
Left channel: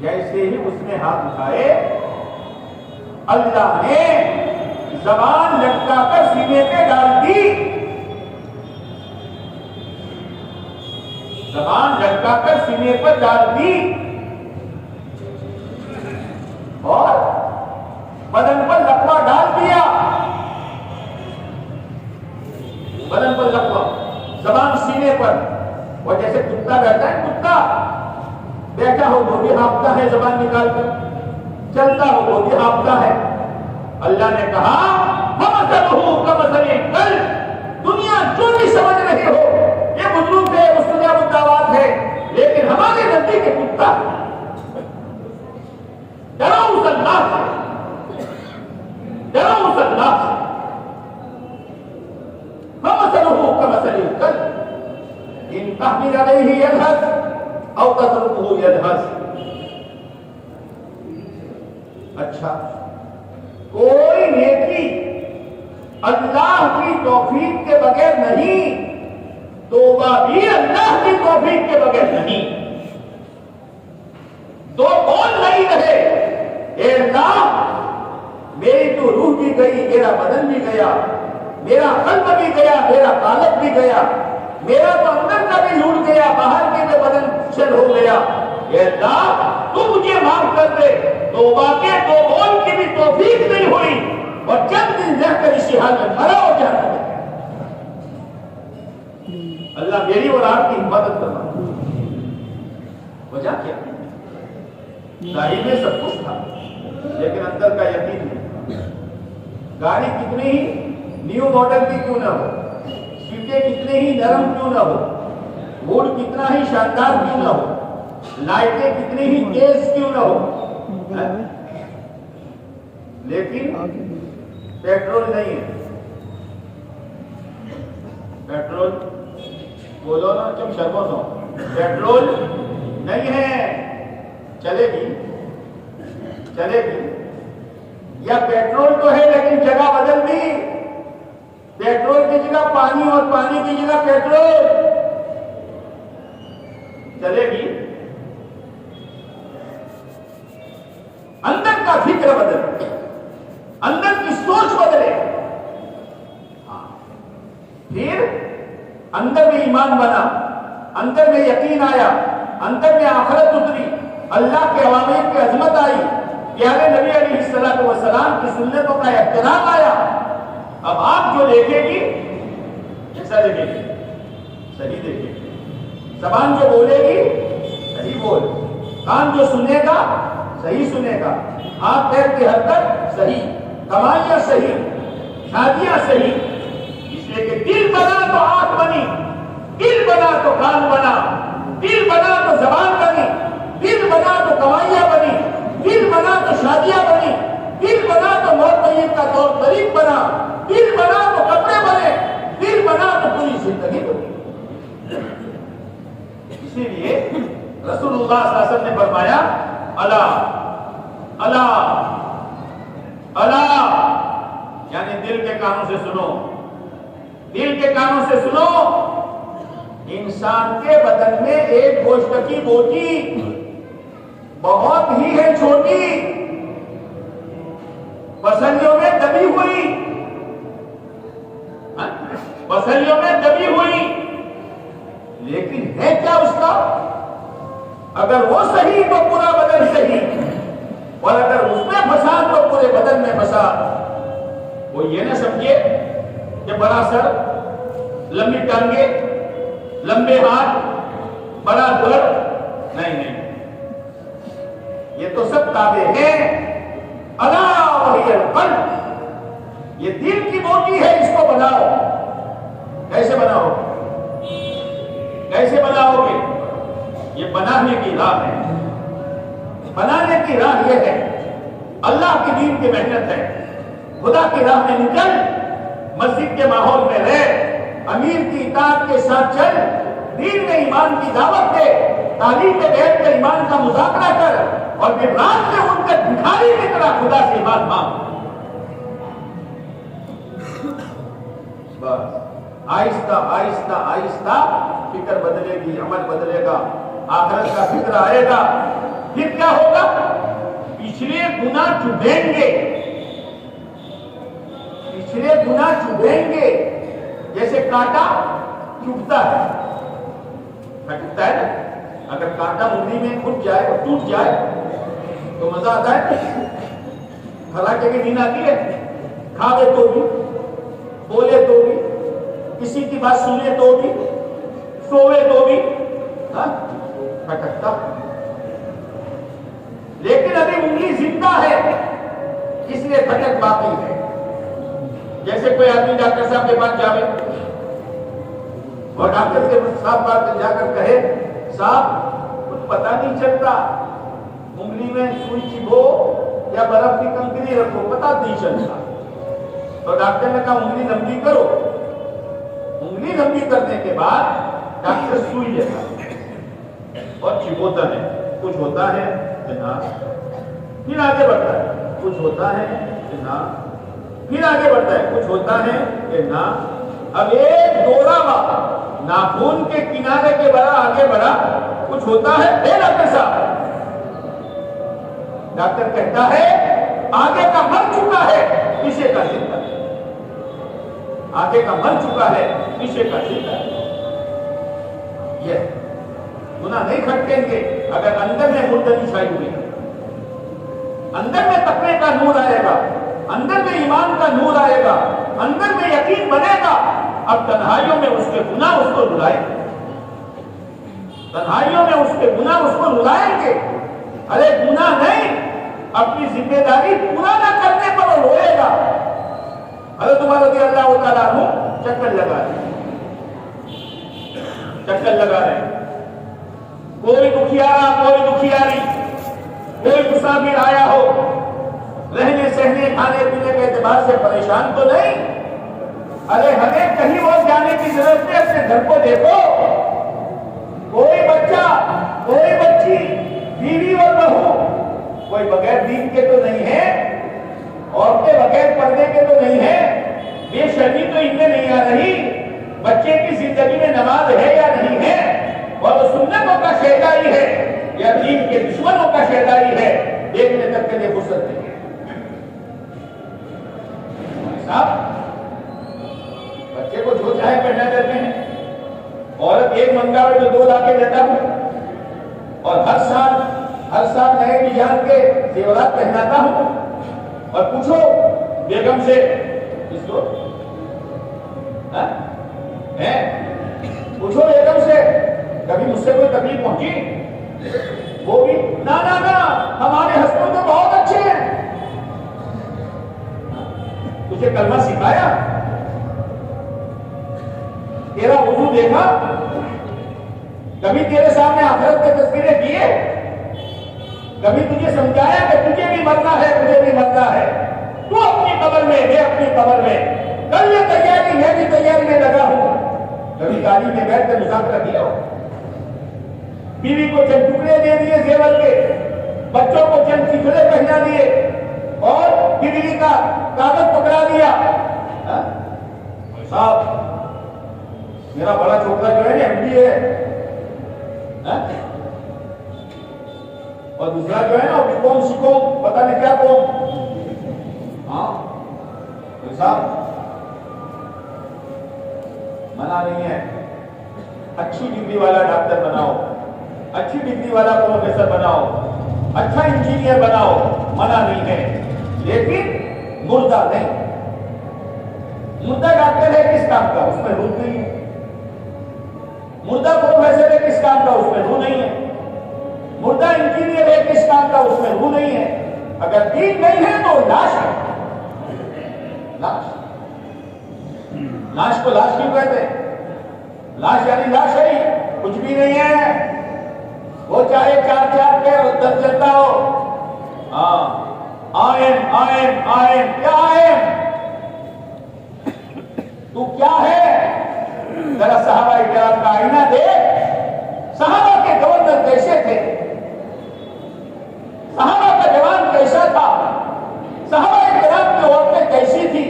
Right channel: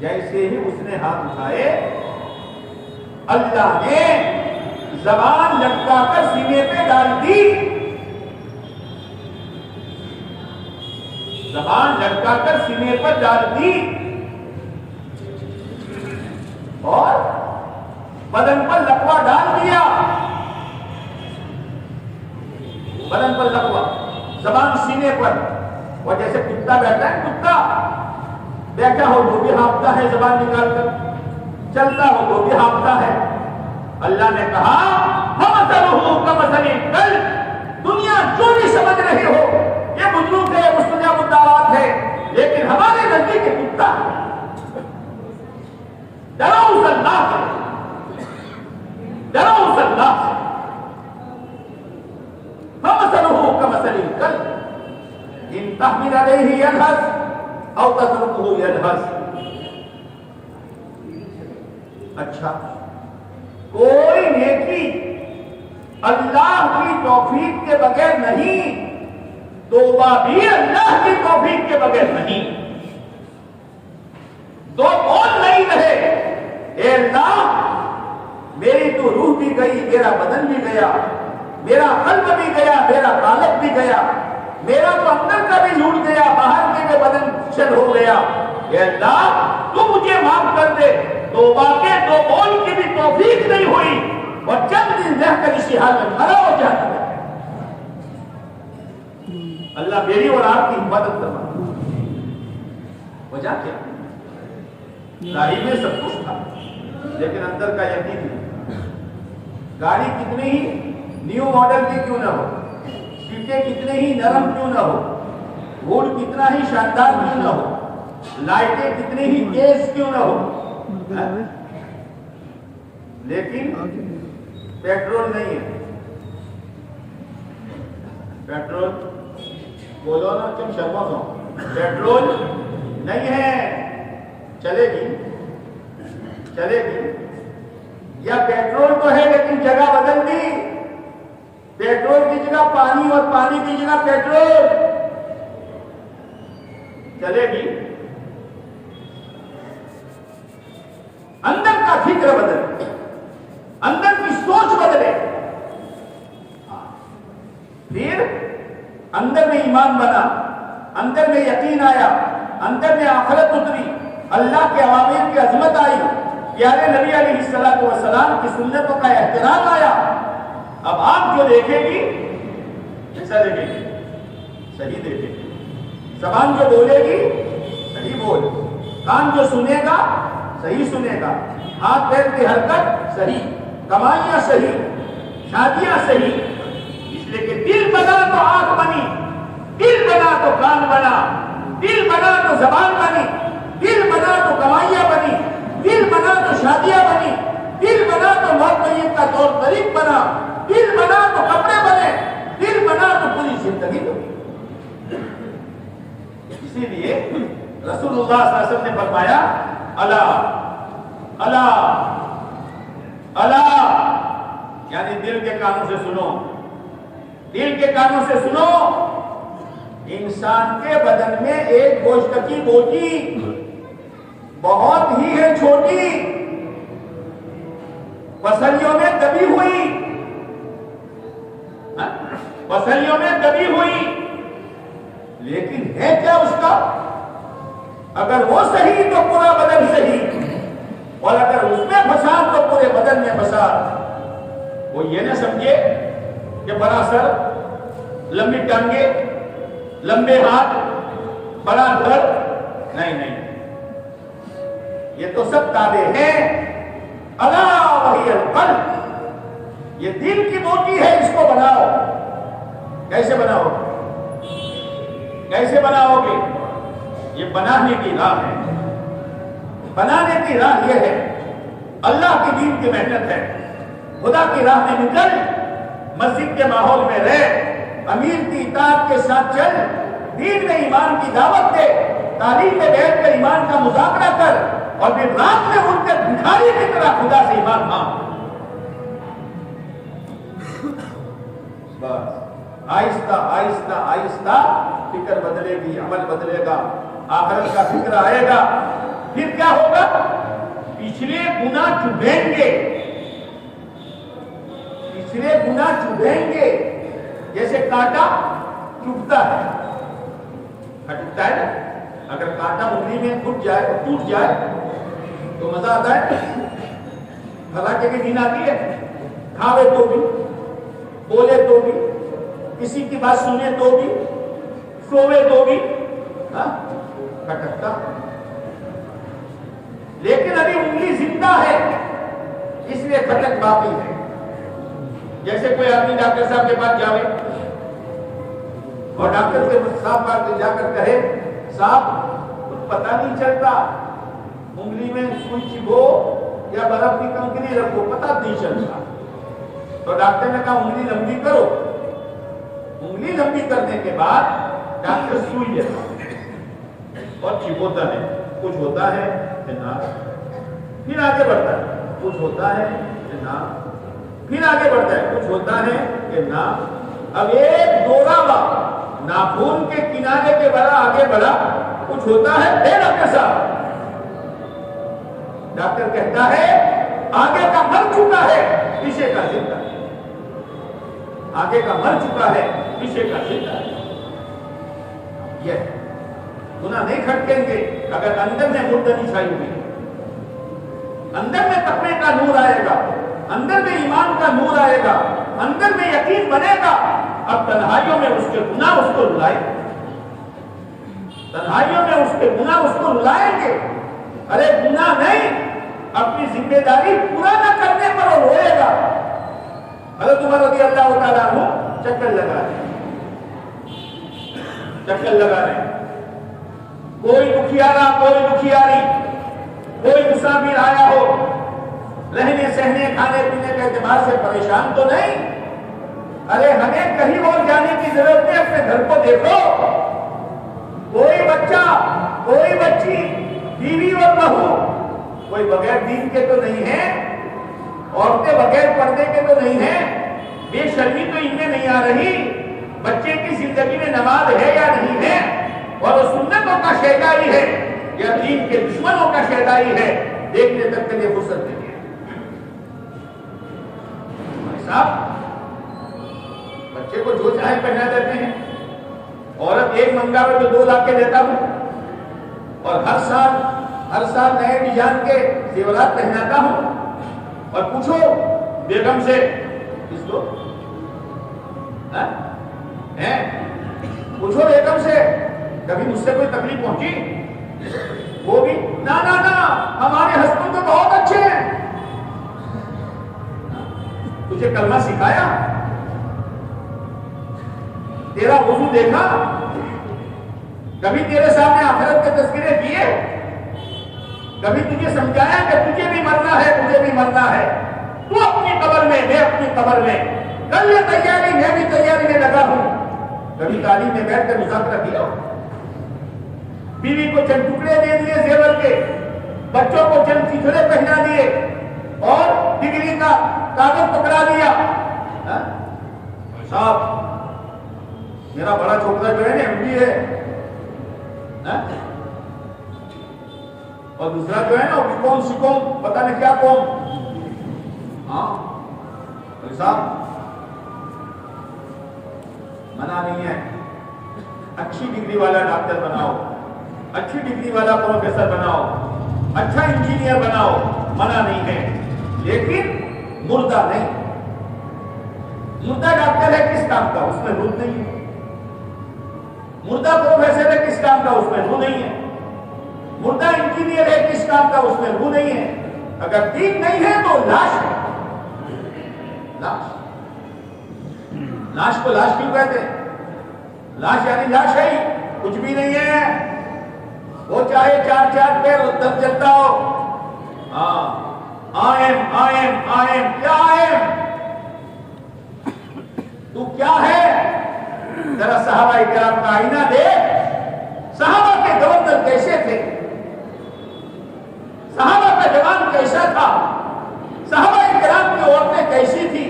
جیسے ہی اس نے ہاتھ اٹھائے, اللہ نے زبان لٹکا کر سینے پہ ڈال دی. زبان لٹکا کر سینے پر ڈال دی اور بدن پر لقوہ ڈال دیا. بدن پر لقوہ، زبان سینے پر. اور جیسے کتا بیٹھا ہے، کتا بیٹھا ہو وہ بھی ہانپتا ہے زبان نکال کر، چلتا ہو وہ بھی ہانپتا ہے. اللہ نے کہا فَمَثَلُهُ كَمَثَلِ الْكَلْبِ. دنیا جو بھی سمجھ رہے ہو یہ بزرگ ہے، مستجاب الدعوات ہے، لیکن ہمارے نزدیک ایک کتا ہے. ڈرو اس اللہ سے، ڈرو اس اللہ سے. فَمَثَلُهُ كَمَثَلِ الْكَلْبِ إِن تَحْمِلْ عَلَيْهِ يَلْهَثْ أَوْ تَتْرُكْهُ يَلْهَثْ. اچھا، کوئی نیکی اللہ کی توفیق کے بغیر نہیں، توبہ بھی اللہ کی توفیق کے بغیر نہیں. دو بول نہیں رہے، اے اللہ میری تو روح بھی گئی، میرا بدن بھی گیا، میرا قلب بھی گیا، میرا قالب بھی گیا، میرا تو اندر کا بھی لوٹ گیا، باہر کے بھی بدن چل ہو گیا. اے اللہ تو مجھے معاف کر دے. توبہ کے دو بول کی بھی توفیق نہیں ہوئی اور چند دن رہ کر اسی حال میں مرا ہو جاتا ہے. اللہ میری اور آپ کی حفاظت کرنا. وجہ کیا؟ ظاہر میں سب کچھ تھا لیکن اندر کا یقین نہیں. گاڑی کتنی ہی نیو ماڈل کی کیوں نہ ہو، سیٹیں کتنے ہی نرم کیوں نہ ہو، روڈ کتنا ہی شاندار کیوں نہ ہو، لائٹیں کتنی ہی تیز کیوں نہ ہو، لیکن پیٹرول نہیں ہے. پیٹرول بولو نا تم شرما سو، پیٹرول نہیں ہے. چلے گی چلے گی. یا پیٹرول تو ہے لیکن جگہ بدل دی. پیٹرول کی جگہ پانی اور پانی کی جگہ پیٹرول. چلے گی. اندر کا فکر بدلے، اندر کی سوچ بدلے، پھر اندر میں ایمان بنا، اندر میں یقین آیا، اندر میں آخرت اتری، اللہ کے اوامر کی عظمت آئی، پیارے نبی علیہ الصلوۃ والسلام کی سنتوں کا احترام آیا. اب آپ جو دیکھے گی کیسا دیکھے گی؟ صحیح دیکھے گی. زبان جو بولے گی صحیح بول، کان جو سنے گا صحیح سنے گا، ہاتھ پیر کی حرکت صحیح، کمائیاں صحیح، شادیاں صحیح. اس لیے کہ دل بنا تو آنکھ بنی، دل بنا تو کان بنا، دل بنا تو زبان بنی، دل بنا تو کمائیاں بنی، دل بنا تو شادیاں بنی، دل بنا تو موت میت کا طور طریق بنا، دل بنا تو کپڑے بنے، دل بنا تو پوری زندگی بنی. اسی لیے رسول اللہ صلی اللہ علیہ وسلم نے فرمایا الا الا الا، یعنی دل کے کانوں سے سنو، دل کے کانوں سے سنو. انسان کے بدن میں ایک گوشت کی بوٹی بہت ہی ہے چھوٹی، پسلیوں میں دبی ہوئی، پسلیوں میں دبی ہوئی، لیکن ہے کیا اس کا؟ اگر وہ صحیح تو پورا بدن صحیح، اور اگر اس میں فساد تو پورے بدن میں فساد. وہ یہ نہ سمجھے کہ بڑا سر، لمبی ٹانگیں، لمبے ہاتھ، بڑا گھر، نہیں نہیں، یہ تو سب تابع ہیں. الا وہی القلب، یہ دل کی بوٹی ہے، اس کو بناؤ. کیسے بناؤ؟ کیسے بناؤ گے؟ یہ بنانے کی راہ ہے. بنانے کی راہ یہ ہے، اللہ کے دین کی محنت ہے. خدا کی راہ میں نکل، مسجد کے ماحول میں رہ، امیر کی اطاعت کے ساتھ چل، دین میں ایمان کی دعوت دے، تعلیم میں بیٹھ کر ایمان کا مذاکرہ کر، اور پھر رات میں ان کے بھکاری کی طرح خدا سے ایمان مانگ. بس آہستہ آہستہ آہستہ فکر بدلے گی، عمل بدلے گا، آخرت کا فکر آئے گا. پھر کیا ہوگا؟ پچھلے گناہ چبھیں گے، پچھلے گناہ چبھیں گے، جیسے کانٹا چبھتا ہے. کھٹکتا ہے نا. اگر کانٹا انگلی میں گھٹ جائے اور ٹوٹ جائے تو مزہ آتا ہے. حالانکہ کی نیند آتی ہے. کھاوے تو بھی, بولے تو بھی, کسی کی بات سنے تو بھی, سوے تو بھی کھٹکتا. لیکن ابھی انگلی زندہ ہے اس لیے کھٹک باقی ہے. جیسے کوئی آدمی ڈاکٹر صاحب کے پاس جاوے اور ڈاکٹر کے صاحب پاس جا کر کہے صاحب کچھ پتہ نہیں چلتا, انگلی میں سوئی چبھو یا برف کی کنکری رکھو, پتہ نہیں چلتا. تو ڈاکٹر نے کہا انگلی لمبی کرو. انگلی لمبی کرنے کے بعد ڈاکٹر سوئی لیتا اور چبھوتا ہے. کچھ ہوتا ہے پھر آگے بڑھتا ہے, کچھ ہوتا ہے پھر آگے بڑھتا ہے, کچھ ہوتا ہے کہ نہ. اب ایک دورہ ناخون کے کنارے کے بڑا آگے بڑھا, کچھ ہوتا ہے. ڈاکٹر صاحب, ڈاکٹر کہتا ہے آگے کا مر چکا ہے, پیچھے کا زندہ ہے. آگے کا مر چکا ہے, پیچھے کا زندہ ہے. یہ گناہ نہیں کھٹکیں گے اگر اندر میں مردنی چھائی ہوئی ہے. اندر میں تقوی کا نور آئے گا, اندر میں ایمان کا نور آئے گا, اندر میں یقین بنے گا. اب تنہائیوں میں اس کے گناہ اس کو رلائیں گے. تنہائیوں میں اس کے گناہ اس کو رلائیں گے. ارے گناہ نہیں, اپنی ذمہ داری پورا نہ کرنے پر وہ روئے گا. حضرت عمر رضی اللہ تعالیٰ عنہ چکر لگا رہے ہیں. کوئی دکھیارا, کوئی دکھیاری, کوئی مسافر آیا ہو, رہنے سہنے کھانے پینے کے اعتبار سے پریشان تو نہیں. ارے ہمیں کہیں اور جانے کی ضرورت نہیں, اپنے گھر کو دیکھو. کوئی بچہ, کوئی بچی, بیوی اور بہو, کوئی بغیر دین کے تو نہیں ہے, عورتیں بغیر پردے کے تو نہیں ہیں. بے شرمی تو ان میں نہیں آ رہی. بچے کی زندگی میں نماز ہے یا نہیں ہے, اور وہ سنتوں کا شیدائی ہے یا دین کے دشمنوں کا شیدائی ہے, دیکھنے تک کے لیے فرصت نہیں ہے. ہمارے صاحب بچے کو جو چاہے پہنا دیتے ہیں. عورت ایک منگا میں تو 2 لاکھ کے دیتا ہوں, اور ہر سال نئے ڈیزائن کے زیورات پہناتا ہوں. اور پوچھو بیگم سے, اس کو پوچھو بیگم سے کبھی مجھ سے کوئی تکلیف پہنچی؟ وہ بھی نا ہمارے ہسبینڈ تو بہت اچھے ہیں. تجھے کلمہ سکھایا؟ تیرا وضو دیکھا؟ کبھی تیرے سامنے آخرت کے تذکرے کیے؟ کبھی تجھے سمجھایا کہ تجھے بھی مرنا ہے, مجھے بھی مرنا ہے, تو اپنی قبر میں, میں اپنی قبر میں, کر لے تیاری, میں بھی تیاری میں لگا ہوں. کبھی تعلیم میں بیٹھ کر مذاکرہ کیا؟ بیوی کو چند ٹکڑے دے دیے زیور کے, بچوں کو چند چیچڑے پہنا دیے, اور ڈگری کا کاغذ پکڑا دیا. صاحب میرا بڑا چھوکرا جو ہے نا MBA ہے, اور دوسرا جو ہے نا کون سکوم پتہ نہیں کیا کون. صاحب منع نہیں ہے, اچھی ڈگری والا ڈاکٹر بناؤ, اچھی ڈگری والا پروفیسر بناؤ, اچھا انجینئر بناؤ, منع نہیں ہے. لیکن مردہ نہیں. مردہ ڈاکٹر ہے کس کام کا, اس میں روح نہیں ہے. مردہ پروفیسر ہے کس کام کا, اس میں روح نہیں ہے. مردہ انجینئر ہے کس کام کا, اس میں روح نہیں ہے. اگر دین نہیں ہے تو لاش ہے. لاش کو لاش کیوں کہتے ہیں؟ لاش یعنی لاش ہے ہی, کچھ بھی نہیں ہے. وہ چاہے 4 پیر دم چلتا ہو. آئم کیا آئم, تو کیا ہے؟ ذرا صحابہ کرام کا آئینہ دیکھ. صحابہ کے گورنر کیسے تھے, صحابہ کا جوان کیسا تھا, صحابہ کرام کی عورتیں کیسی تھی,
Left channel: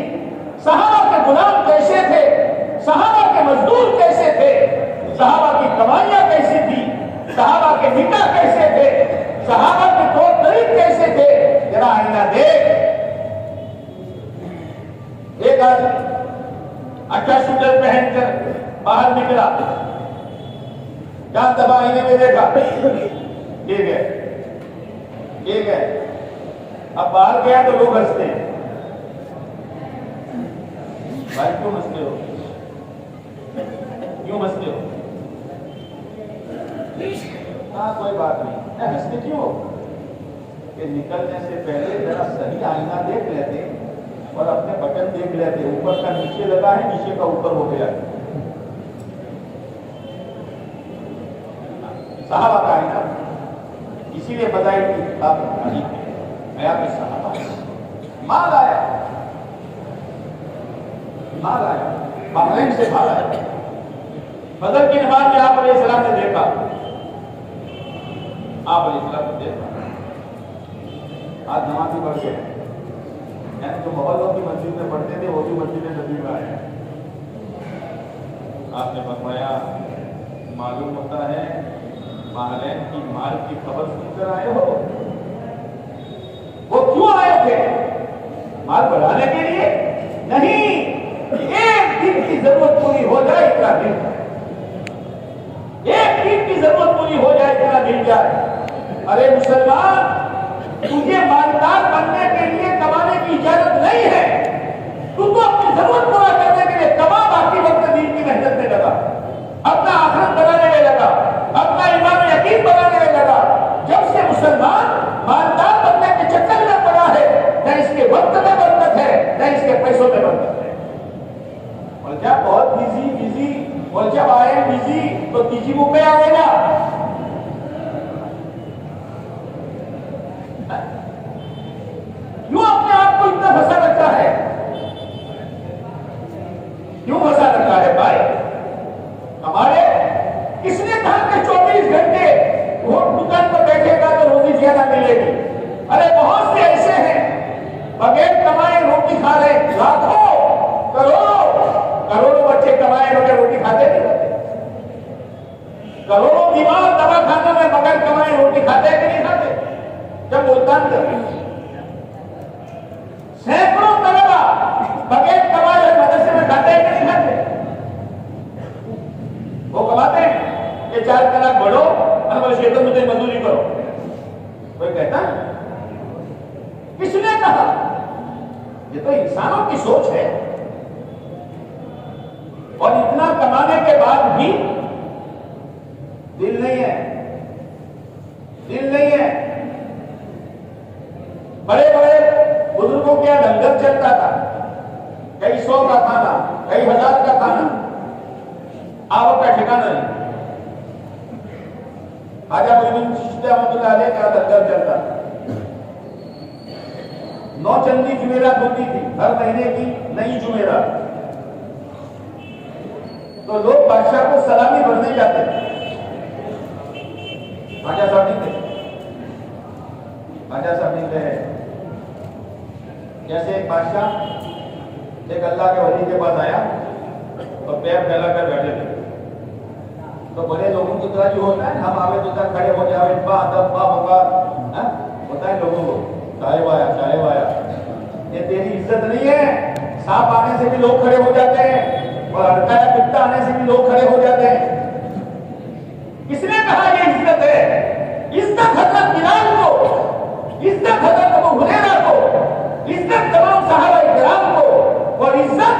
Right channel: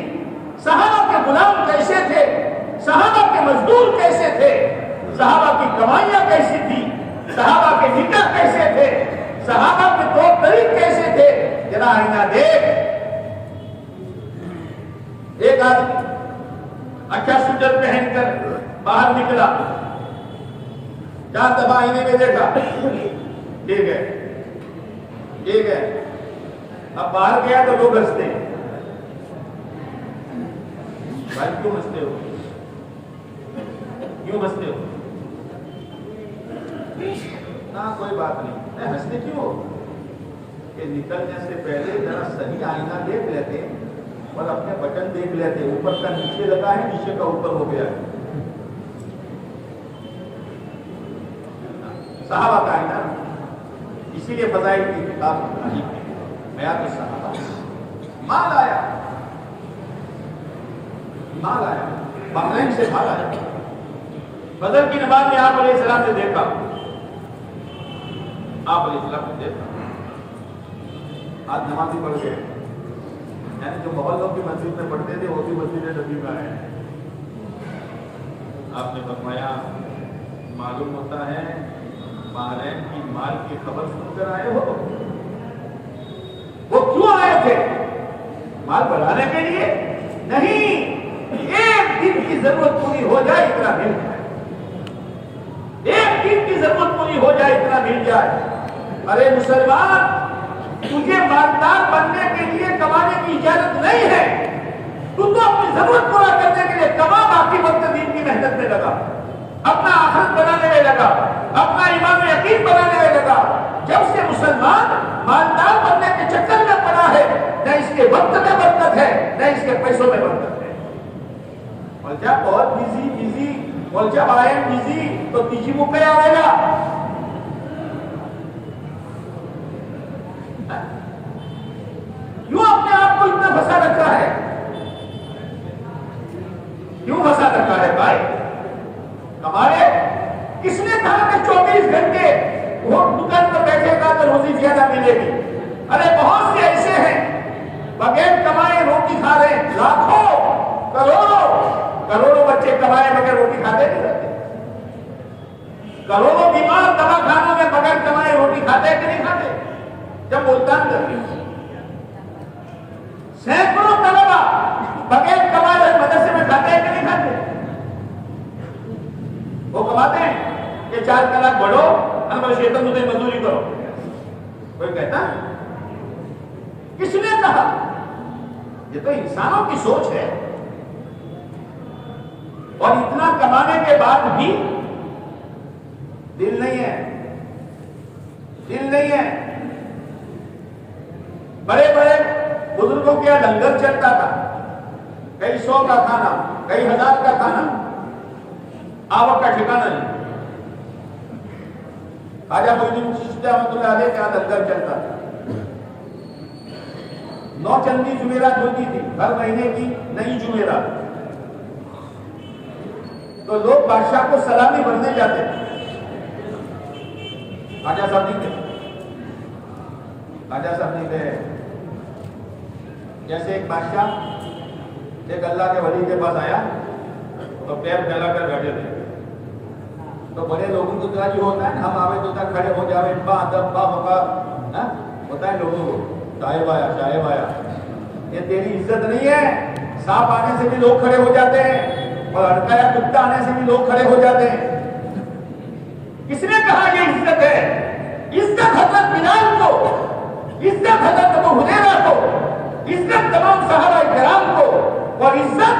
صحابہ کے غلام کیسے تھے, صحابہ کے مزدور کیسے تھے, صحابہ کی کمائیاں کیسی تھی, صحابہ کے نکاح کیسے تھے, صحابہ کے طور طریق کیسے تھے. ذرا آئینہ دیکھ. ایک آدمی اچھا سوٹر پہن کر باہر نکلا, جان دبا آئینے میں دیکھا، ٹھیک ہے، اب باہر گیا تو لوگ ہنستے ہیں، بھائی کیوں ہنستے ہو، کیوں ہنستے ہو؟ ہاں کوئی بات نہیں، ہنستے کیوں ہو؟ کہ نکلنے سے پہلے ذرا صحیح آئینہ دیکھ لیتے اور اپنے بٹن دیکھ لیتے، اوپر کا نیچے لگا ہے، نیچے کا اوپر ہو گیا ہے، صحابہ کا آئینہ، اسی لیے فضائل کی کتاب عجیب ہے، حیات الصحابہ۔ مال آیا بحرین سے مال آیا، بدر کی نماز میں آپ علیہ السلام نے دیکھا، آج نمازی پڑھ گئے، یعنی جو محلوں کی مسجد میں پڑھتے تھے وہ بھی مسجد نبی میں آئے ہیں۔ آپ نے فرمایا معلوم ہوتا ہے بحرین کی مال کی خبر سن کر آئے ہو۔ وہ کیوں آئے تھے؟ مال بڑھانے کے لیے نہیں، ایک دن کی ضرورت پوری ہو جائے اتنا مل جائے، ایک دن کی ضرورت پوری ہو جائے اتنا مل جائے۔ ارے مسلمان، تجھے مالدار بننے کے لیے کمانے کی اجازت نہیں ہے، تو اپنی ضرورت پورا کرنے کے لیے کما، باقی وقت دین کی محنت میں لگا، اپنا آخرت بنانے میں لگا، اپنا ایمان و یقین بنانے میں لگا۔ جب سے مسلمان مالدار بننے کے چکر میں پڑا ہے، نہ اس کے وقت میں برکت ہے نہ اس کے پیسوں میں برکت ہے، اور جب بہت بزی اور جب آئے بزی تو تیجی منہ پہ آئے گا۔ کیوں اپنے آپ کو اتنا پھنسا رکھا ہے؟ کیوں پھنسا رکھا ہے بھائی؟ ہمارے کس نے کہا کہ 24 گھنٹے وہ دکان پر بیٹھے گا تو روزی زیادہ ملے گی؟ ارے بہت سے ایسے ہیں بغیر کمائے روٹی کھا رہے، لاکھوں کروڑوں بچے کمائے بغیر روٹی کھاتے نہیں رہتے، کروڑوں بیمار دوا کھانے میں بغیر کمائے روٹی کھاتے کہ نہیں کھاتے؟ جب ملتان کر سینکڑوں طلبا بغیر کمائے مدرسے میں کھاتے ہیں کہ نہیں کھاتے؟ وہ کماتے ہیں کہ 4 کلاک بڑھو انور شیطن مجھے مزدوری کرو، کوئی کہتا ہے؟ کس نے کہا؟ یہ تو انسانوں کی سوچ ہے، اور اتنا کمانے کے بعد بھی دل نہیں ہے۔ بڑے بزرگوں کے یہاں لنگر چلتا تھا، کئی 100 کا کھانا، کئی 1000 کا کھانا، آوک کا ٹھکانا نہیں۔ خواجہ معین الدین چشتی رحمۃ اللہ علیہ کا لنگر چلتا تھا، 9 چندی جمعرات ہوتی تھی، ہر مہینے کی نئی جمعرات، تو لوگ بادشاہ کو سلامی بھرنے جاتے تھے۔ خواجہ صاحب نہیں گئے، جیسے ایک بادشاہ ایک اللہ کے ولی کے پاس آیا تو پیر پھیلا کر بیٹھے تھے، تو بڑے لوگوں کی طرح جو ہوتا ہے ہم آوے تو تک کھڑے ہو جاوے، با ادب با وقار ہوتا ہے لوگوں کو، صاحب آیا، یہ تیری عزت نہیں ہے۔ سانپ آنے سے بھی لوگ کھڑے ہو جاتے ہیں، اور ہڑکایا کتا آنے سے بھی لوگ کھڑے ہو جاتے ہیں۔ کس نے کہا یہ عزت ہے؟ عزت حضرت بلال کو، عزت حضرت ابو ہریرہ کو، عزت تمام صحابہ کرام کو، اور عزت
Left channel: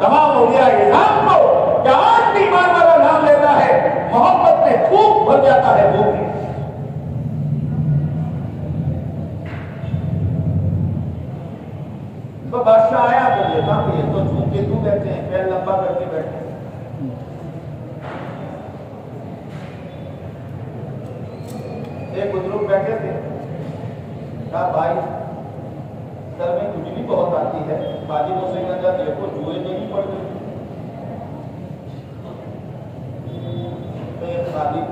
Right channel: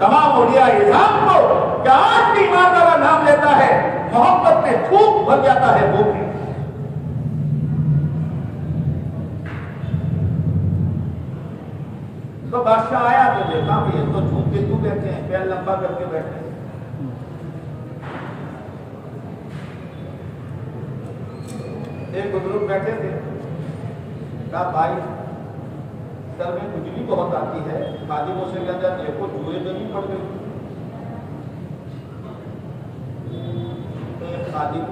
تمام اولیاء اعظام کو، کہ آج بھی ایمان والا نام لیتا ہے محبت میں پھوک بھر جاتا ہے وہ بھی۔ تو بادشاہ آیا تو دیکھا کہ یہ تو جھوٹ کے کیوں بیٹھے ہیں، پیر لمبا کر کے بیٹھے ہیں۔ ایک بزرگ بیٹھے تھے، کہا بھائی سر میں کچھ بھی بہت آتی ہے، خادموں سے کہتا ہے دیکھو جوئے میں نہیں پڑ گئی۔ تو ایک خادم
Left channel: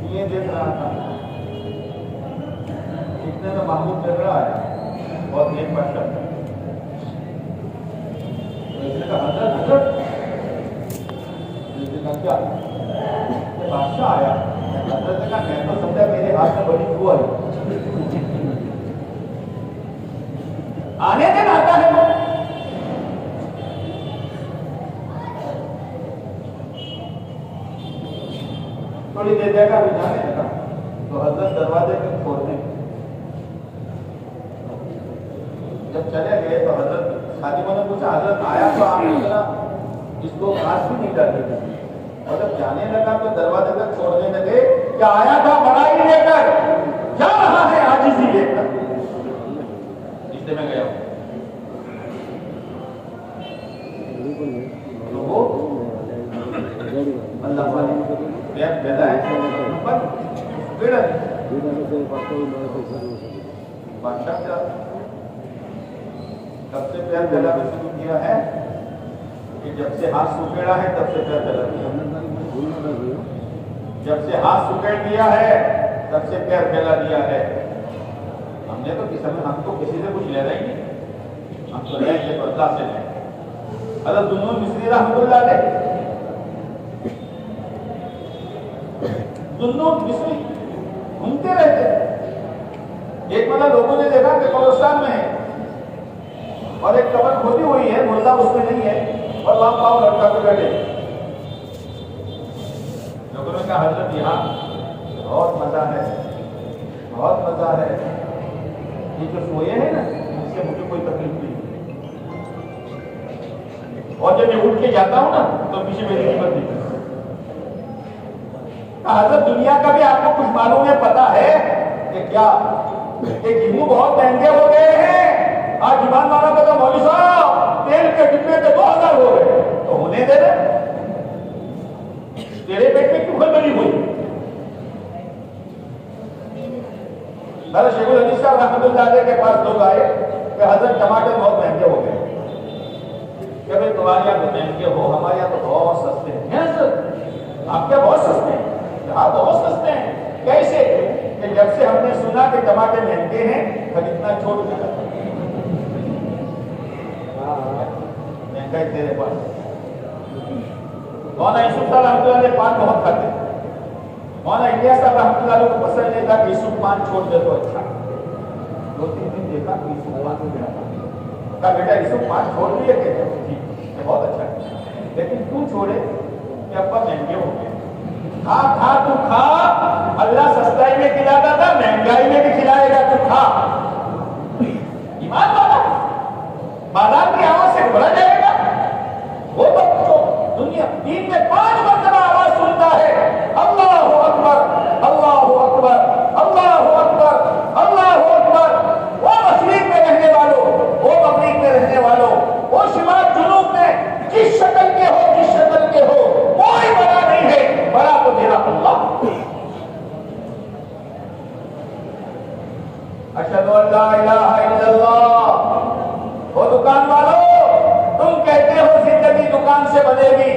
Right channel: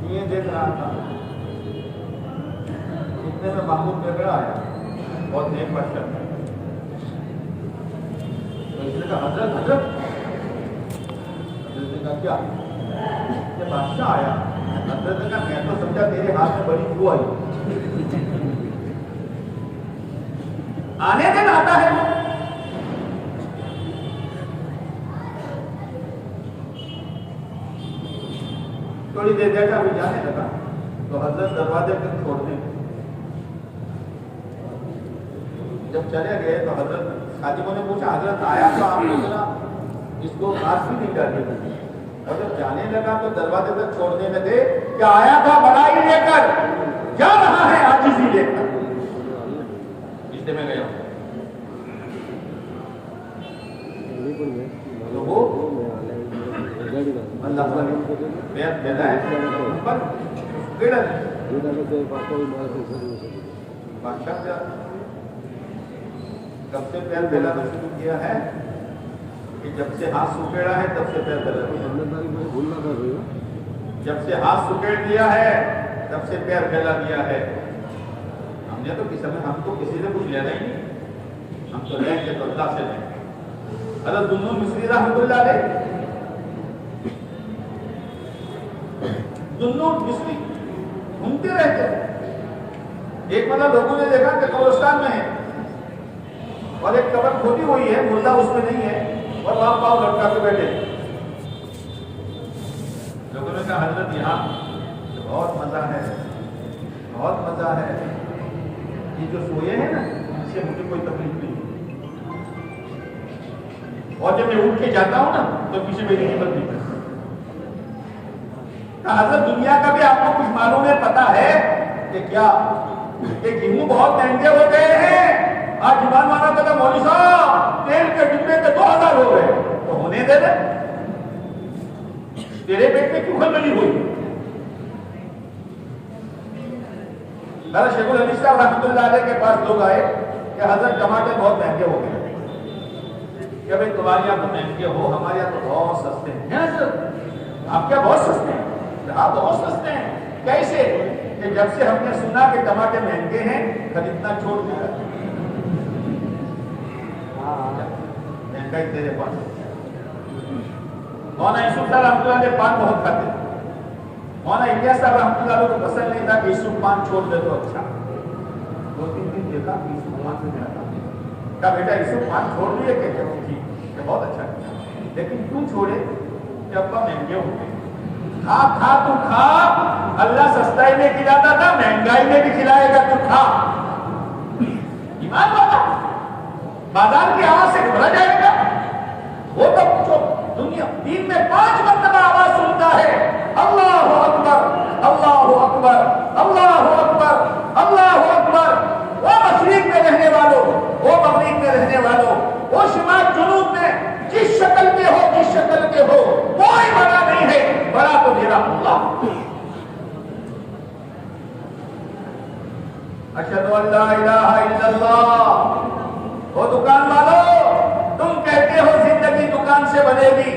جوئے دیکھ رہا تھا، اتنے میں محمود بگڑا آیا، بہت نیک بادشاہ تھا، تو اس نے کہا حضرت نے کہا کیا؟ کہ بادشاہ آیا۔ حضرت نے کہا میں تو سمجھا تیرے ہاتھ میں بڑی جو آئی، آنے دن آتا ہے وہ۔ تھوڑی دیر دیکھا ابھی جانے لگا تو حضرت دروازے پہ چھوڑ دیں. جب چلے گئے تو حضرت خادموں نے پوچھا حضرت آیا تو آپ نے ذرا اس کو مار بھی نہیں ڈالے تھے. حضرت جانے لگا تو دروازے تک چھوڑنے لگے کہ آیا تھا بڑائی لے کر جا رہا ہے عاجزی لے کر. اس لیے میں گیا ہوں تو وہ اللہ بیان پھیلا ہے پر پیڑ بادشاہ کیا کب سے پیار پھیلانا شروع کیا ہے کہ جب سے ہاتھ سکیڑا ہے تب سے پیار پھیلا دیا. جب سے ہاتھ سکیڑ دیا ہے تب سے پیار پھیلا دیا ہے. ہم نے تو ہم کو کسی سے کچھ لینا ہی نہیں. ہم تو لیں گے تو اللہ سے لیں. حضرت ذوالنون مصری رحمۃ اللہ علیہ ذوالنون مصری گھومتے رہتے تھے. ایک مرتبہ لوگوں نے دیکھا کہ قبرستان میں ہے اور ایک قبر کھودی ہوئی ہے, مردہ اس میں نہیں ہے اور وہاں پاؤں لٹکا کے بیٹھے تھے. لوگوں نے کہا حضرت یہاں بہت مزہ ہے, بہت مزہ ہے. یہ جو سوئے ہیں نا ان سے مجھے کوئی تکلیف نہیں اور جب میں اٹھ کے جاتا ہوں نا تو پیچھے میری ہمت نہیں کرتی. حضرت دنیا کا بھی آپ کو کچھ معلوم ہے, پتا ہے کہ کیا کہ گیہوں بہت مہنگے ہو گئے ہیں. آج ایمان مانا کہتا مولوی صاحب تیل کے ڈبے کے 2000 ہو گئے تو ہونے دے دے. تیرے پیٹ میں کیوں کھلبلی ہوئی؟ شیخ الحدیث صاحب رحمۃ اللہ علیہ کے پاس لوگ آئے کہ حضرت ٹماٹر بہت مہنگے ہو گئے. کہ بھائی تمہارے یہاں تو مہنگے ہو, ہمارے یہاں تو بہت سستے ہیں. حضرت آپ کیا بہت سستے ہیں؟ ہاں بہت سستے ہیں. کیسے؟ کہ جب سے ہم نے سنا کہ ٹماٹر مہنگے ہیں خریدنا چھوڑ دیا. مہنگائی تیرے پاس. مولانا یوسف صاحب رحمۃ اللہ علیہ پان بہت کھاتے. مولانا الیاس صاحب رحمۃ اللہ علیہ کو پسند نہیں تھا کہ یوسف پان چھوڑ دے تو اچھا. 2-3 دن دیکھا کہ یوسف پان نہیں کھاتا. کہا بیٹا یوسف پان چھوڑ دیے کہ بہت اچھا کیا, لیکن کیوں چھوڑے کہ ابا مہنگے ہو گئے. کھا کھا تو کھا, اللہ سستائی میں کھلاتا تھا, مہنگائی میں بھی کھلائے گا تو کھا. ایمان والا بازار کی آواز سے گھبرا جائے گا. وہ تو پوچھو دنیا دین میں 5 مرتبہ آواز سنتا ہے اللہ اکبر اللہ اکبر اللہ اکبر اللہ اکبر. وہ مشرق میں رہنے والوں, وہ مغرب میں رہنے والوں, وہ شمال جنوب میں جس شکل کے ہو, جس شکل کے ہو, کوئی بڑا نہیں ہے, بڑا تو میرا اللہ. اشہد ان لا الہ الا اللہ. وہ دکان والوں تم کہتے ہو زندگی دکان سے بنے گی,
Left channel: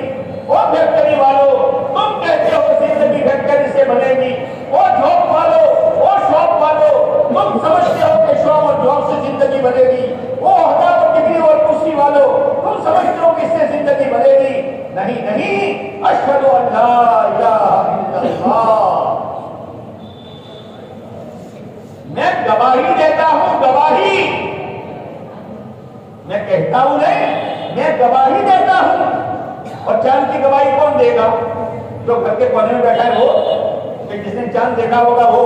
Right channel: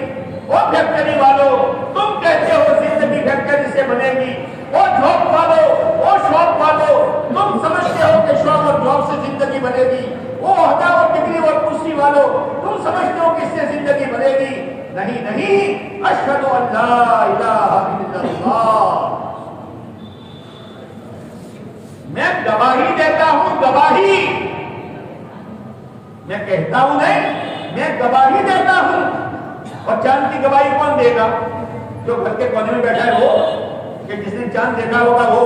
وہ فیکٹری والوں تم کہتے ہو زندگی فیکٹری سے بنے گی, وہ جاب والوں وہ شاپ والوں تم سمجھتے ہو کہ شاپ اور جاب سے زندگی بنے گی, وہ عہدہ اور ڈگری اور کرسی والوں تم سمجھتے ہو کہ اس سے زندگی بنے گی. نہیں نہیں, اشہد ان لا الہ الا اللہ. میں گواہی دیتا ہوں, گواہی میں کہتا ہوں نہیں, میں گواہی دیتا ہوں. اور چاند کی گواہی کون دے گا؟ جو گھر کے کونے میں بیٹھا ہے وہ, کہ جس نے چاند دیکھا ہوگا وہ.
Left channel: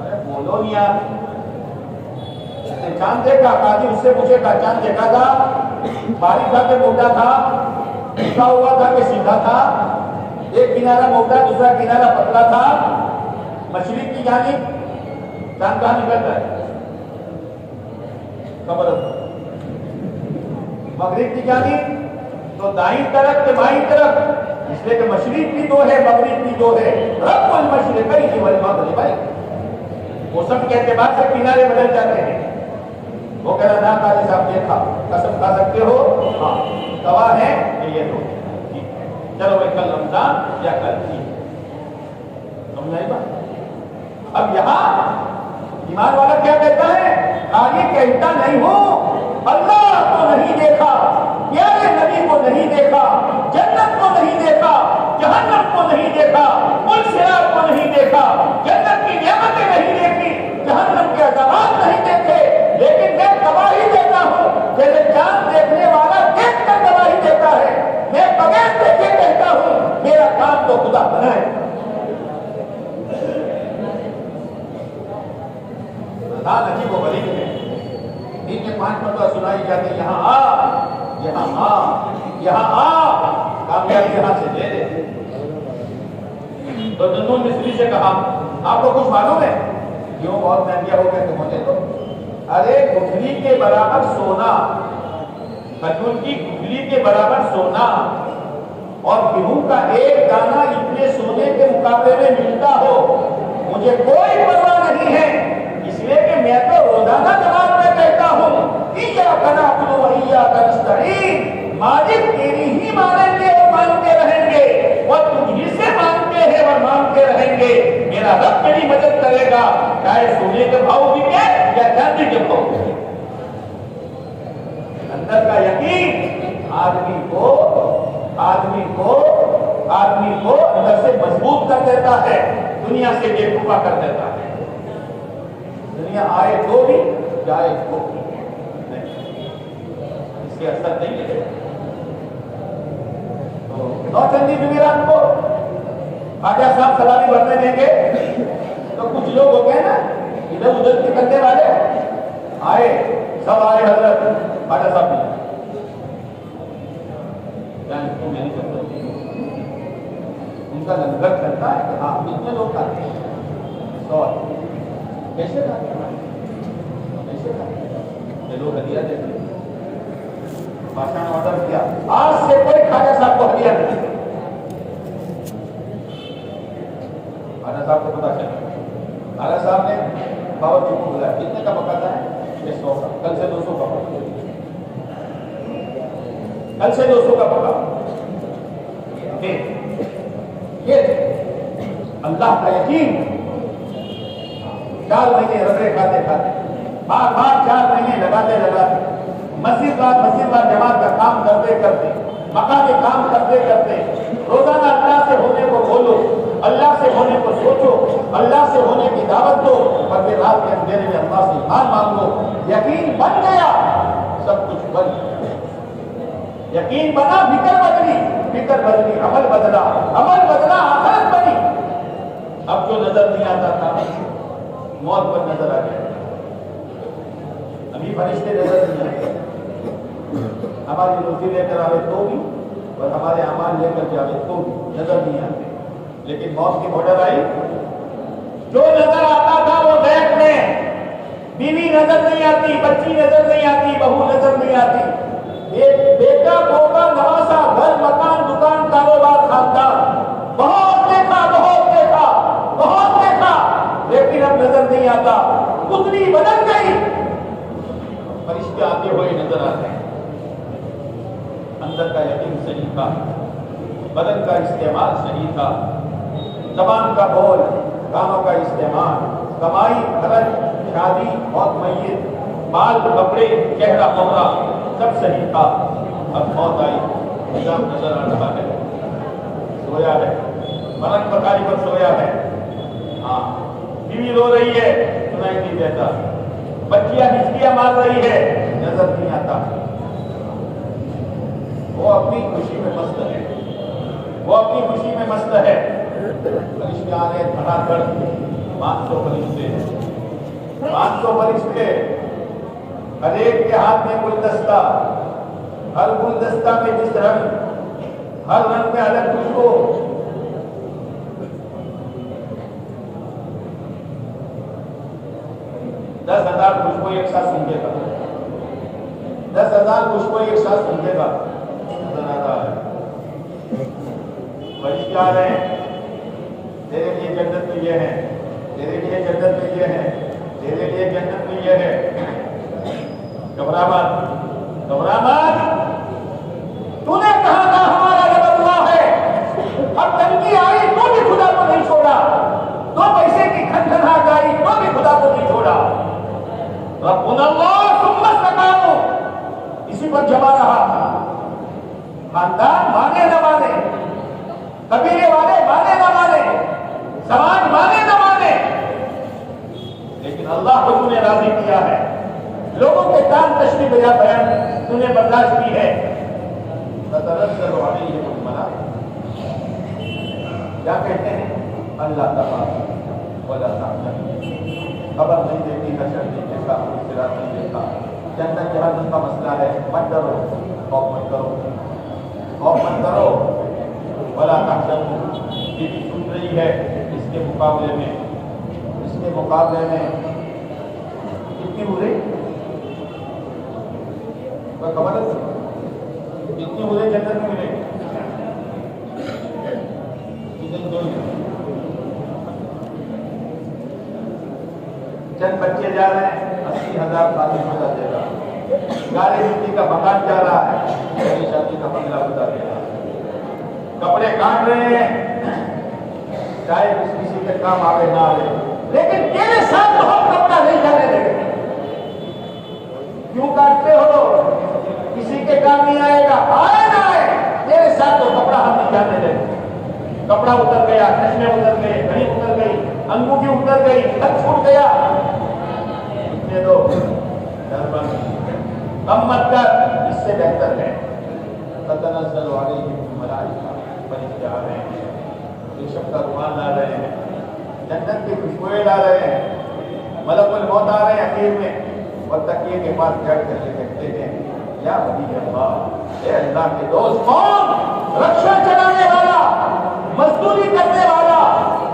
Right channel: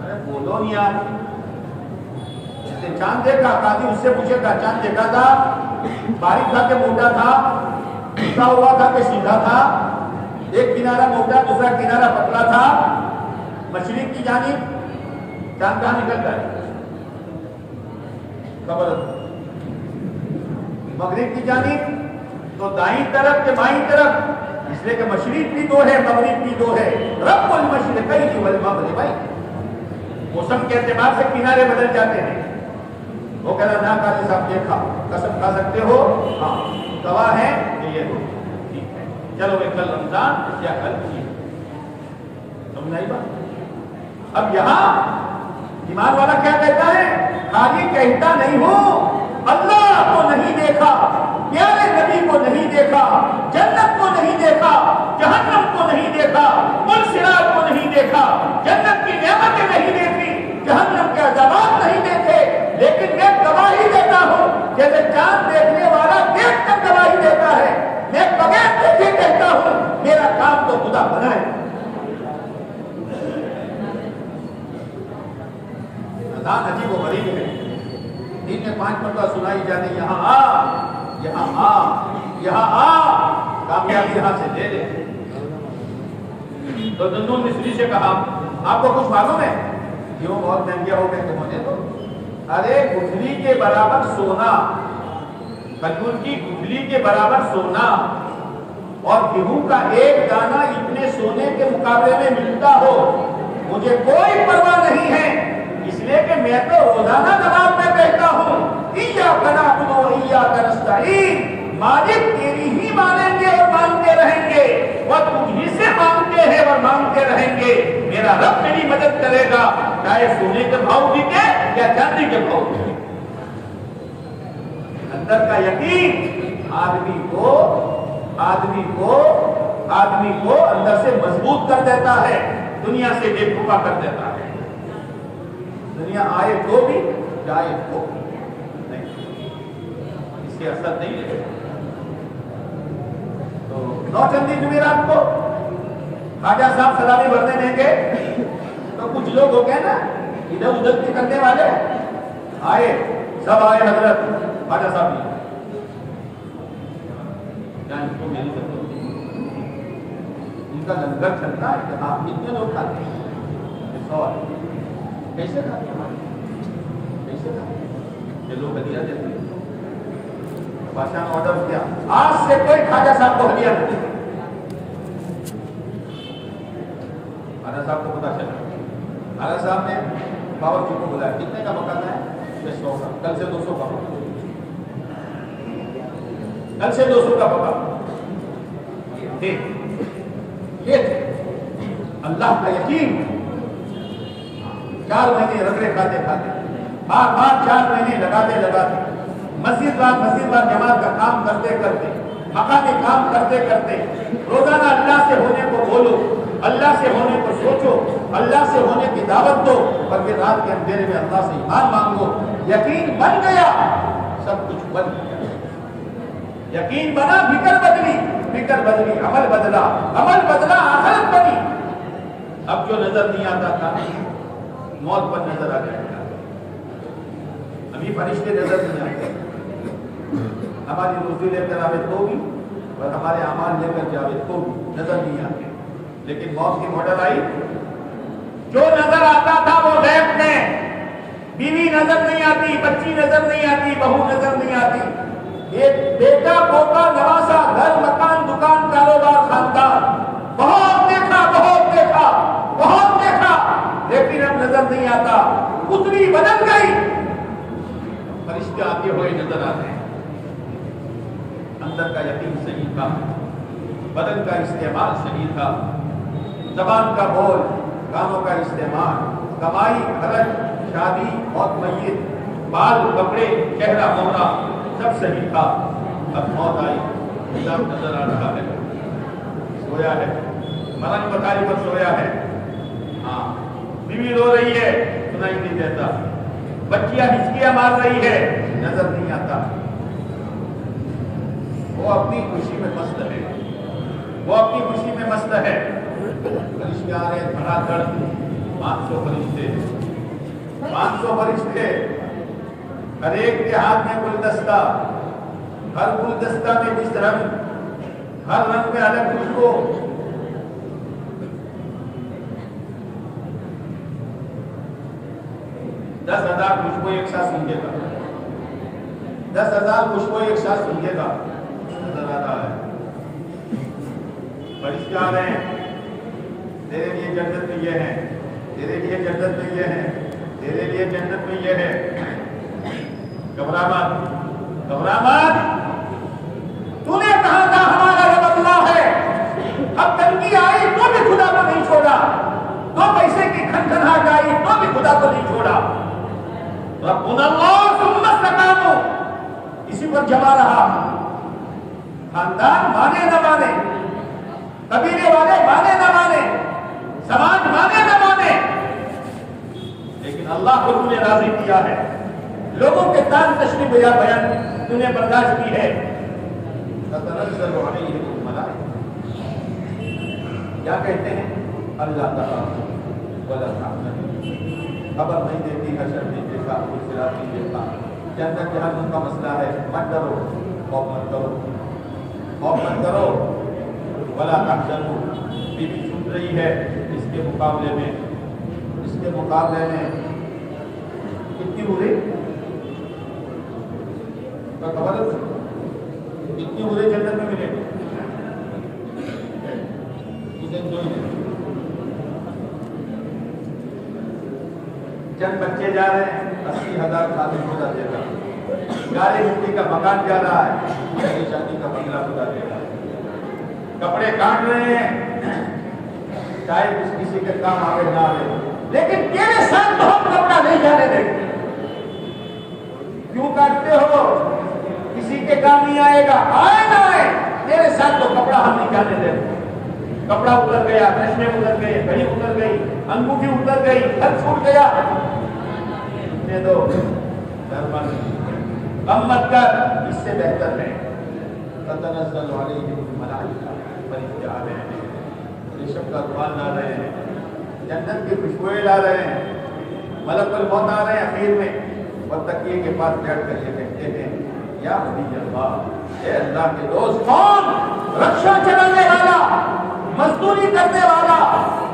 ارے بولو نہیں یار, جس نے چاند دیکھا آدمی اس سے پوچھے گا چاند دیکھا تھا, باریک تھا کہ موٹا تھا, جھکا ہوا تھا کہ سیدھا تھا, ایک کنارہ موٹا دوسرا کنارہ پتلا تھا. مشرق کی جانب چاند کہاں نکلتا ہے؟ خبر. مغرب کی جانب تو دائیں طرف کے بائیں طرف, اس لیے کہ مشرق بھی 2 ہے مغرب بھی 2 ہے. رب المشرقین والمغربین. موسم کے اعتبار سے کنارے بدل جاتے ہیں. وہ کہہ رہا نا قاضی صاحب دیکھا, قسم کھا سکتے ہو؟ ہاں گواہ ہے کہ یہ تو ٹھیک ہے, چلو میں کل رمضان یا کل کی سمجھائی بات. اب یہاں ایمان والا کیا کہتا ہے؟ آگے کہتا نہیں ہوں اللہ کو نہیں دیکھا, پیارے نبی کو نہیں دیکھا, جنت کو نہیں دیکھا, جہنم کو نہیں دیکھا, پل صراط کو نہیں دیکھا, جنت کی نعمتیں نہیں دیکھی, جہنم کے عذابات نہیں دیکھے, لیکن میں گواہی دیتا ہوں جیسے چاند دیکھنے والا دیکھ کر گواہی دیتا ہے. میں بغیر دیکھے کہتا ہوں میرا کام تو خدا بنائے. اذان عجیب و غریب ہے. دن میں 5 مرتبہ سنائی جاتی یہاں آ یہاں آ یہاں آ, کامیابی یہاں سے لے لے. تو دندون مصری سے کہا آپ کو کچھ معلوم ہے کیوں بہت مہنگے ہو گئے تھے مجھے؟ تو ارے گٹھلی کے برابر سونا, کھجور کی گٹھلی کے برابر سونا اور گیہوں کا ایک دانہ اتنے سونے کے مقابلے میں ملتا ہو, مجھے کوئی پرواہ نہیں ہے, اس لیے کہ میں تو روزانہ نماز میں کہتا ہوں ایاک نعبد و ایاک نستعین, مالک تیری ہی مانیں گے اور مانتے رہیں گے, اور تجھ ہی سے مانگتے ہیں اور مانگتے رہیں گے. میرا رب میری مدد کرے گا, چاہے سونے کے بھاؤ بکے یا چاندی کے بھاؤ بکے. اندر کا یقین آدمی کو اندر سے مضبوط کر دیتا ہے, دنیا سے بے وقوف کر دیتا ہے. دنیا آئے تو بھی جائے تو بھی نہیں, اس سے اثر نہیں ہے. تو نوچندی جمعرات کو خواجہ صاحب سلامی بھرنے دیں گے تو کچھ لوگ ہو گئے نا ادھر ادھر کے کرنے والے آئے, سب آئے حضرت خواجہ صاحب بھی میری ضرورت نہیں, ان کا لنگر چلتا ہے کہ ہاں کتنے لوگ کھاتے ہیں, 100 کیسے کھاتے ہیں, کیسے کھاتے ہیں, یہ لوگ ہدیہ دیتے ہیں. بادشاہ نے آرڈر کیا آج سے کوئی خواجہ صاحب کو ہدیہ نہیں دے. خواجہ صاحب کو پتا چلا, خواجہ صاحب نے باورچی کو بلایا, کتنے کا پکاتا ہے, 100 کا, کل سے 200 کا پکا, کل سے 200 کا پکا. یہ اللہ کا یقین. 4 مہینے رگڑے کھاتے کھاتے, بار 4 مہینے لگاتے مسجد بار جماعت کا کام کرتے کرتے, مقامی کام کرتے کرتے, روزانہ اللہ سے ہونے کو بولو, اللہ سے ہونے کو سوچو, اللہ سے ہونے کی دعوت دو, اور پھر رات کے اندھیرے میں اللہ سے ایمان مانگو. یقین بن گیا, سب کچھ بن گیا. یقین بنا, فکر بدلی, عمل بدلا, آخرت بنی. اب جو نظر نہیں آتا تھا موت پر نظر آ گیا. ابھی فرشتے نظر نہیں آتے, ہماری روزی لے کر آوے تو بھی اور ہمارے اعمال لے کر جاوے تو بھی نظر نہیں آتے. لیکن موت کی ماڈل آئی, جو نظر آتا تھا وہ غیب میں. بیوی نظر نہیں آتی, بچی نظر نہیں آتی, بہو نظر نہیں آتی, ایک بیٹا پوتا نواسا, گھر مکان دکان کاروبار خاندان, بہت دیکھا, لیکن اب نظر نہیں آتا. پتری بدل گئی, فرشتے آتے ہوئے نظر آتے ہیں. اندر کا یقین صحیح تھا, بدن کا استعمال صحیح تھا, زبان کا بول, کاموں کا استعمال, کمائی, خرچ, شادی, موت, میت, بال, کپڑے, چہرہ, مہرہ, سب صحیح تھا. اب موت آئی, نظام نظر آ رہا ہے, سویا ہے, مرن پتھاری پر سویا ہے. ہاں, بیوی رو رہی ہے, سنائی نہیں دیتا, بچیاں ہچکیاں مار رہی ہے, نظر نہیں آتا. وہ اپنی خوشی میں مست ہے, فرشتے آ رہے دھڑا دھڑ, 500 فرشتے, ہر ایک کے ہاتھ میں گلدستہ, ہر گلدستہ میں جس رنگ, ہر رنگ میں الگ خوشبو. دس 10,000 خوشبو ایک ساتھ سونگے گا, 10,000 خوشبو ایک ساتھ سونگے گا. نظر آ رہا ہے, فرشتے آ رہے ہیں, تیرے لیے جنت میں یہ ہے, تیرے لیے جنت میں یہ ہے, تیرے لیے جنت میں یہ ہے. گھبرا مت, تو نے کہا تھا ہمارا یہ بدلہ ہے. اب تنگی آئی تو بھی خدا کو نہیں چھوڑا, دو پیسے کی کھنکھناہٹ آئی تو بھی خدا کو نہیں چھوڑا. ربنا اللہ ثم استقاموا, اسی پر جما رہا. خاندان مانے نہ مانے, قبیلے والے مانے نہ مانے, سماج مانے نہ مانے, لیکن اللہ کو تو نے راضی کیا ہے. لوگوں کے تان تشریح بیان تو نے برداشت کی ہے. تتنزل علیہم الملائکہ, کیا کہتے ہیں؟ اللہ تعالیٰ ولا تحزن، خبر نہیں دیتی، حشر نہیں دیکھا، صراط نہیں دیکھا، جنت جہنم کا مسئلہ ہے، مت ڈرو، خوف مت کرو، خوف مت کرو، ولا تحزن۔ بیوی چھپ رہی ہے، اس کے مقابلے میں کتنی برے، خبر ہے کتنی برے جنت میں ملے گی؟ چند بچے جا رہے ہیں، 80,000 خادم بتا دے گا، گاڑی مٹی کا مکان جا رہا ہے، پہلی شادی کا بنگلہ بتا دے گا، کپڑے کاٹ رہے ہیں، چاہے کسی کے کام آگے نہ آئے، لیکن تیرے ساتھ تو ہم کپڑا نہیں جانے دیں گے۔ کیوں کاٹتے ہو؟ کسی کے کام نہیں آئے گا، آئے نہ آئے، تیرے ساتھ تو کپڑا ہم نہیں جانے دیں گے۔ کپڑا اتر گیا، چشمے اتر گئے، گھڑی اتر گئی، انگوٹھی اتر گئی، گھر چھوٹ گیا، دے دو، دربند کم مت کر، اس سے بہتر ہے تتنزل علیہم الملائکہ، فرشتے آ رہے ہیں، ریشم کا رومال لا رہے ہیں، جنت کی خوشبوئیں لا رہے ہیں، ملک الموت آ رہے ہیں اخیر میں، اور تکیے کے پاس بیٹھ کر یہ کہتے ہیں یا ولی اللہ، اے اللہ کے دوست، کون؟ رکشا چلانے والا، مزدوری کرنے والا،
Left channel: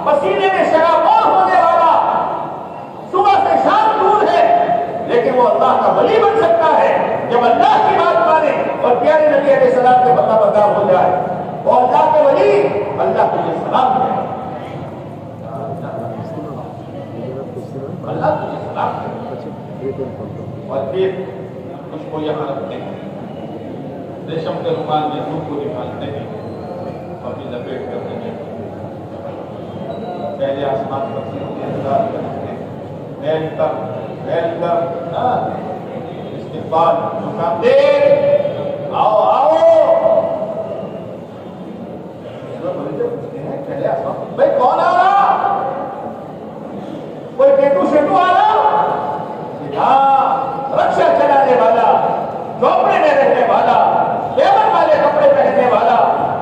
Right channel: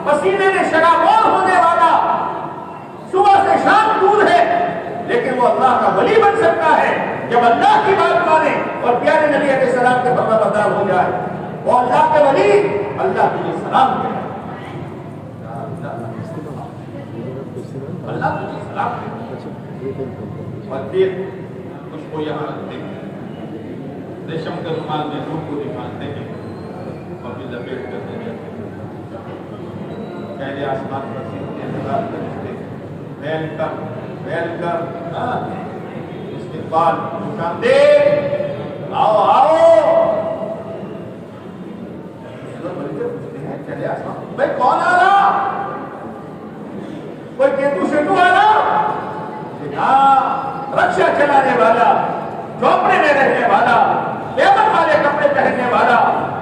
پسینے میں شرابور ہونے والا، صبح سے شام دور ہے، لیکن وہ اللہ کا ولی بن سکتا ہے جب اللہ کی بات مانے اور پیارے نبی علیہ السلام کے فرما بردار ہو جائے، وہ اللہ کے ولی، اللہ تجھے سلام کرے، اللہ تجھے سلام کرے، اور پھر کچھ کو یہاں رکھتے ہیں، ریشم کے رومال میں روح کو نکالتے ہیں اور پھر لپیٹ کرتے ہیں، پہلے آسمان پر سے انتظار کرتے ہیں، ویلکم ویلکم، استقبال، خوشامدید، آؤ آؤ، پوچھتے ہیں پہلے آسمان، بھائی کون آ رہا؟ کوئی کیتو شیتو آ رہا؟ رکشا چلانے والا، جھونپڑے میں رہنے والا، لیبر والے کپڑے پہننے والا،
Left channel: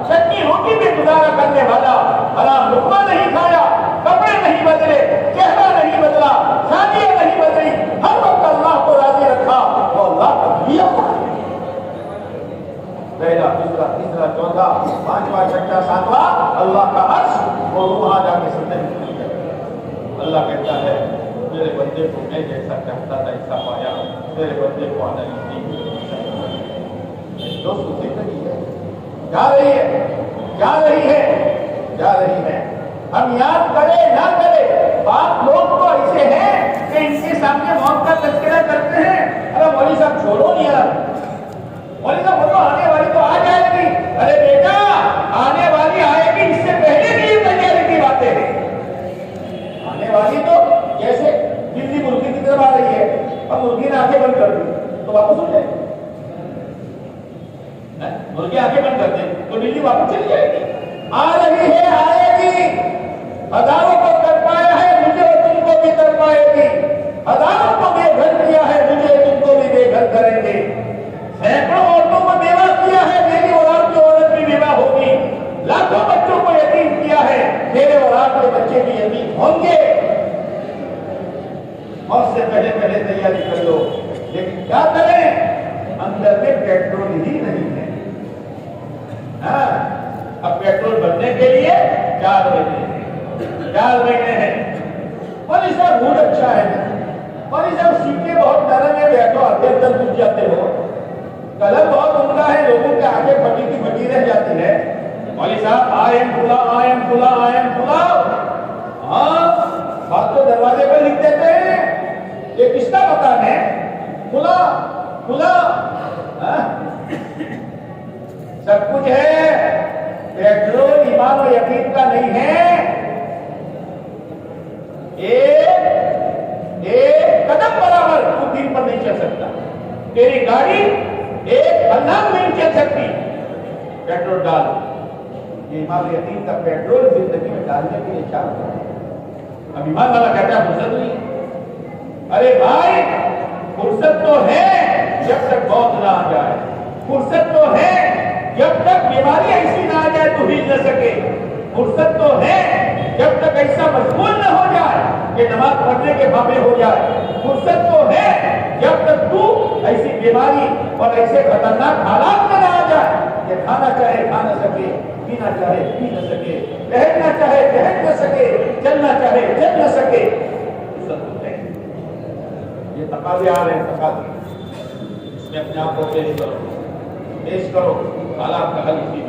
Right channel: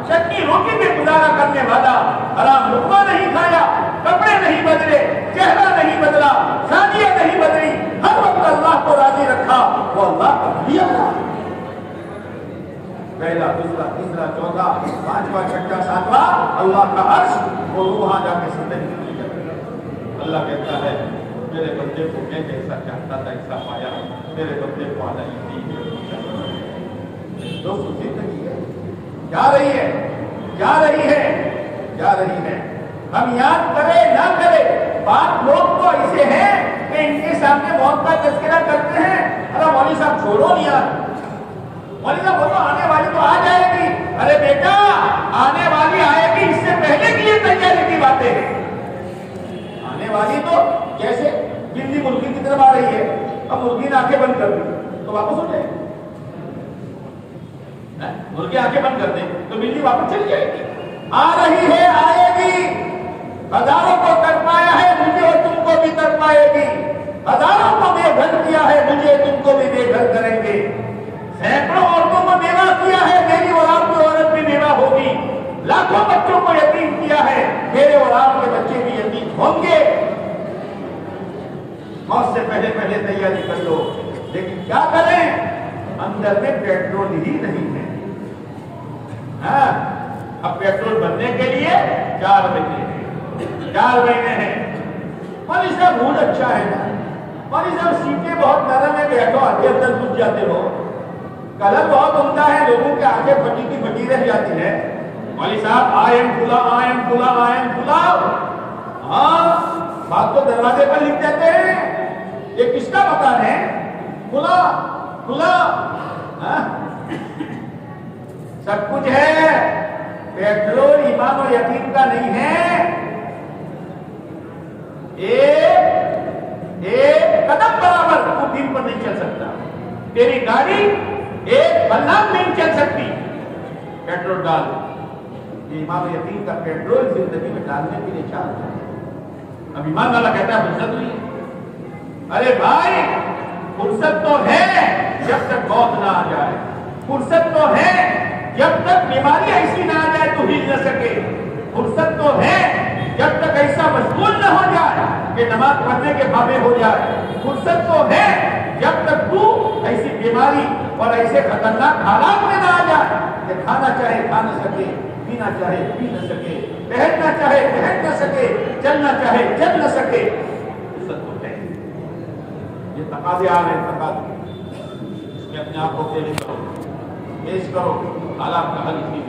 چٹنی روٹی میں گزارا کرنے والا، حرام لقمہ نہیں کھایا، کپڑے نہیں بدلے، چہرہ نہیں بدلا، شادیاں نہیں بدلی، ہر وقت اللہ کو راضی رکھا، وہ اللہ کا ولی تھا۔ پہلا، دوسرا، تیسرا، چوتھا، پانچواں، چھٹا، ساتواں، اللہ کا عرش، وہ روح آ کے زندگی مل جاتی ہے۔ اللہ کہتا ہے میرے بندے کو میں جیسا چاہتا تھا ایسا پایا، میرے بندے کو آنا ہی نہیں۔ دوستو زندگی ہے، جا رہی ہے، جا رہی ہے، جا رہی ہے، ہم یاد کرے نہ کرے، بات لوگ تو ایسے ہیں کہ ان کے سامنے موت کا تذکرہ کرتے ہیں، ارے مولوی صاحب چھوڑو نہیں یار، مولوی صاحب وہ تو آنے والی تو آ جائے گی، ارے بیٹا آنے والی آئے گی، اس سے پہلے کی یہ تیاری کی باتیں ہیں، آنے والی تو جیسے بجلی مرغی کی طرف آ رہی ہے، اب مرغی نے آنکھیں بند کر دی تو واپس ہو جائے گی، مرغی آنکھیں بند کر دیں تو بجلی واپس چلی جائے گی، آ رہی ہے، آئے گی، ہزاروں کو تر پایا ہے، مجھے اور تم کو بھی تر پائے گی، ہزاروں کو بے گھر کیا ہے، مجھے تم کو بھی بے گھر کریں گے، سینکڑوں عورتوں کو بیوہ کیا ہے، میری اولاد کی عورت بھی بیوہ ہوگی، لاکھوں بچوں کو یتیم کیا ہے، میرے اولاد کے بچے بھی یتیم ہوں گے، موت سے پہلے پہلے تیاری کر لو، لیکن کیا کریں؟ اندر میں پیٹرول ہی نہیں ہے، اب پیٹرول بھرنے کے لیے 4 مہینے ہیں، 4 مہینے ہیں، مولوی صاحب موڈ اچھا ہے نا، مولوی صاحب سیٹیں بہت نرم ہے، بیٹھو آتے اندر گھس جاتے ہو، کلر بہت عمدہ ہے، لوگوں کے آگے پھٹی کی پھٹی رہ جاتی ہے، مولوی صاحب آئم کھلا، آئم کھلا، آئم کھلا، ہاں بات تو دروازے پر لکھ دیتے ہیں، یہ کس کا مکان ہے؟ کھلا کھلا، سب کچھ ہے، پیٹرول ایمان و یقین کا نہیں ہے، ایک قدم برابر تو دین پر نہیں چل سکتا، تیری گاڑی ایک پلام نہیں چل سکتی، پیٹرول ڈال، یہ ایمان و یقین کا پیٹرول زندگی میں ڈالنے کے لیے چاہتے ہیں۔ اب ایمان والا کہتا ہے فرصت نہیں ہے، ارے بھائی فرصت تو ہے جب تک موت نہ آ جائے، فرصت تو ہے جب تک بیماری ایسی نہ آ جائے تو ہل نہ سکے، فرصت تو ہے جب تک ایسا مشغول نہ ہو جائے کہ نماز پڑھنے کے بابے ہو جائے. فرصت تو ہے جب تک تو ایسی بیماری اور ایسے خطرناک حالات میں نہ آ جائے کہ کھانا چاہے کھا نہ سکے, پینا چاہے پی نہ سکے, ٹہلنا چاہے ٹہل نہ سکے, چلنا چاہے چل نہ سکے. فرصت تو ہے. یہ تقاضے آ رہے ہیں, تقاضے. اس میں اپنے آپ کو پیش کرو, حالات کا حل اسی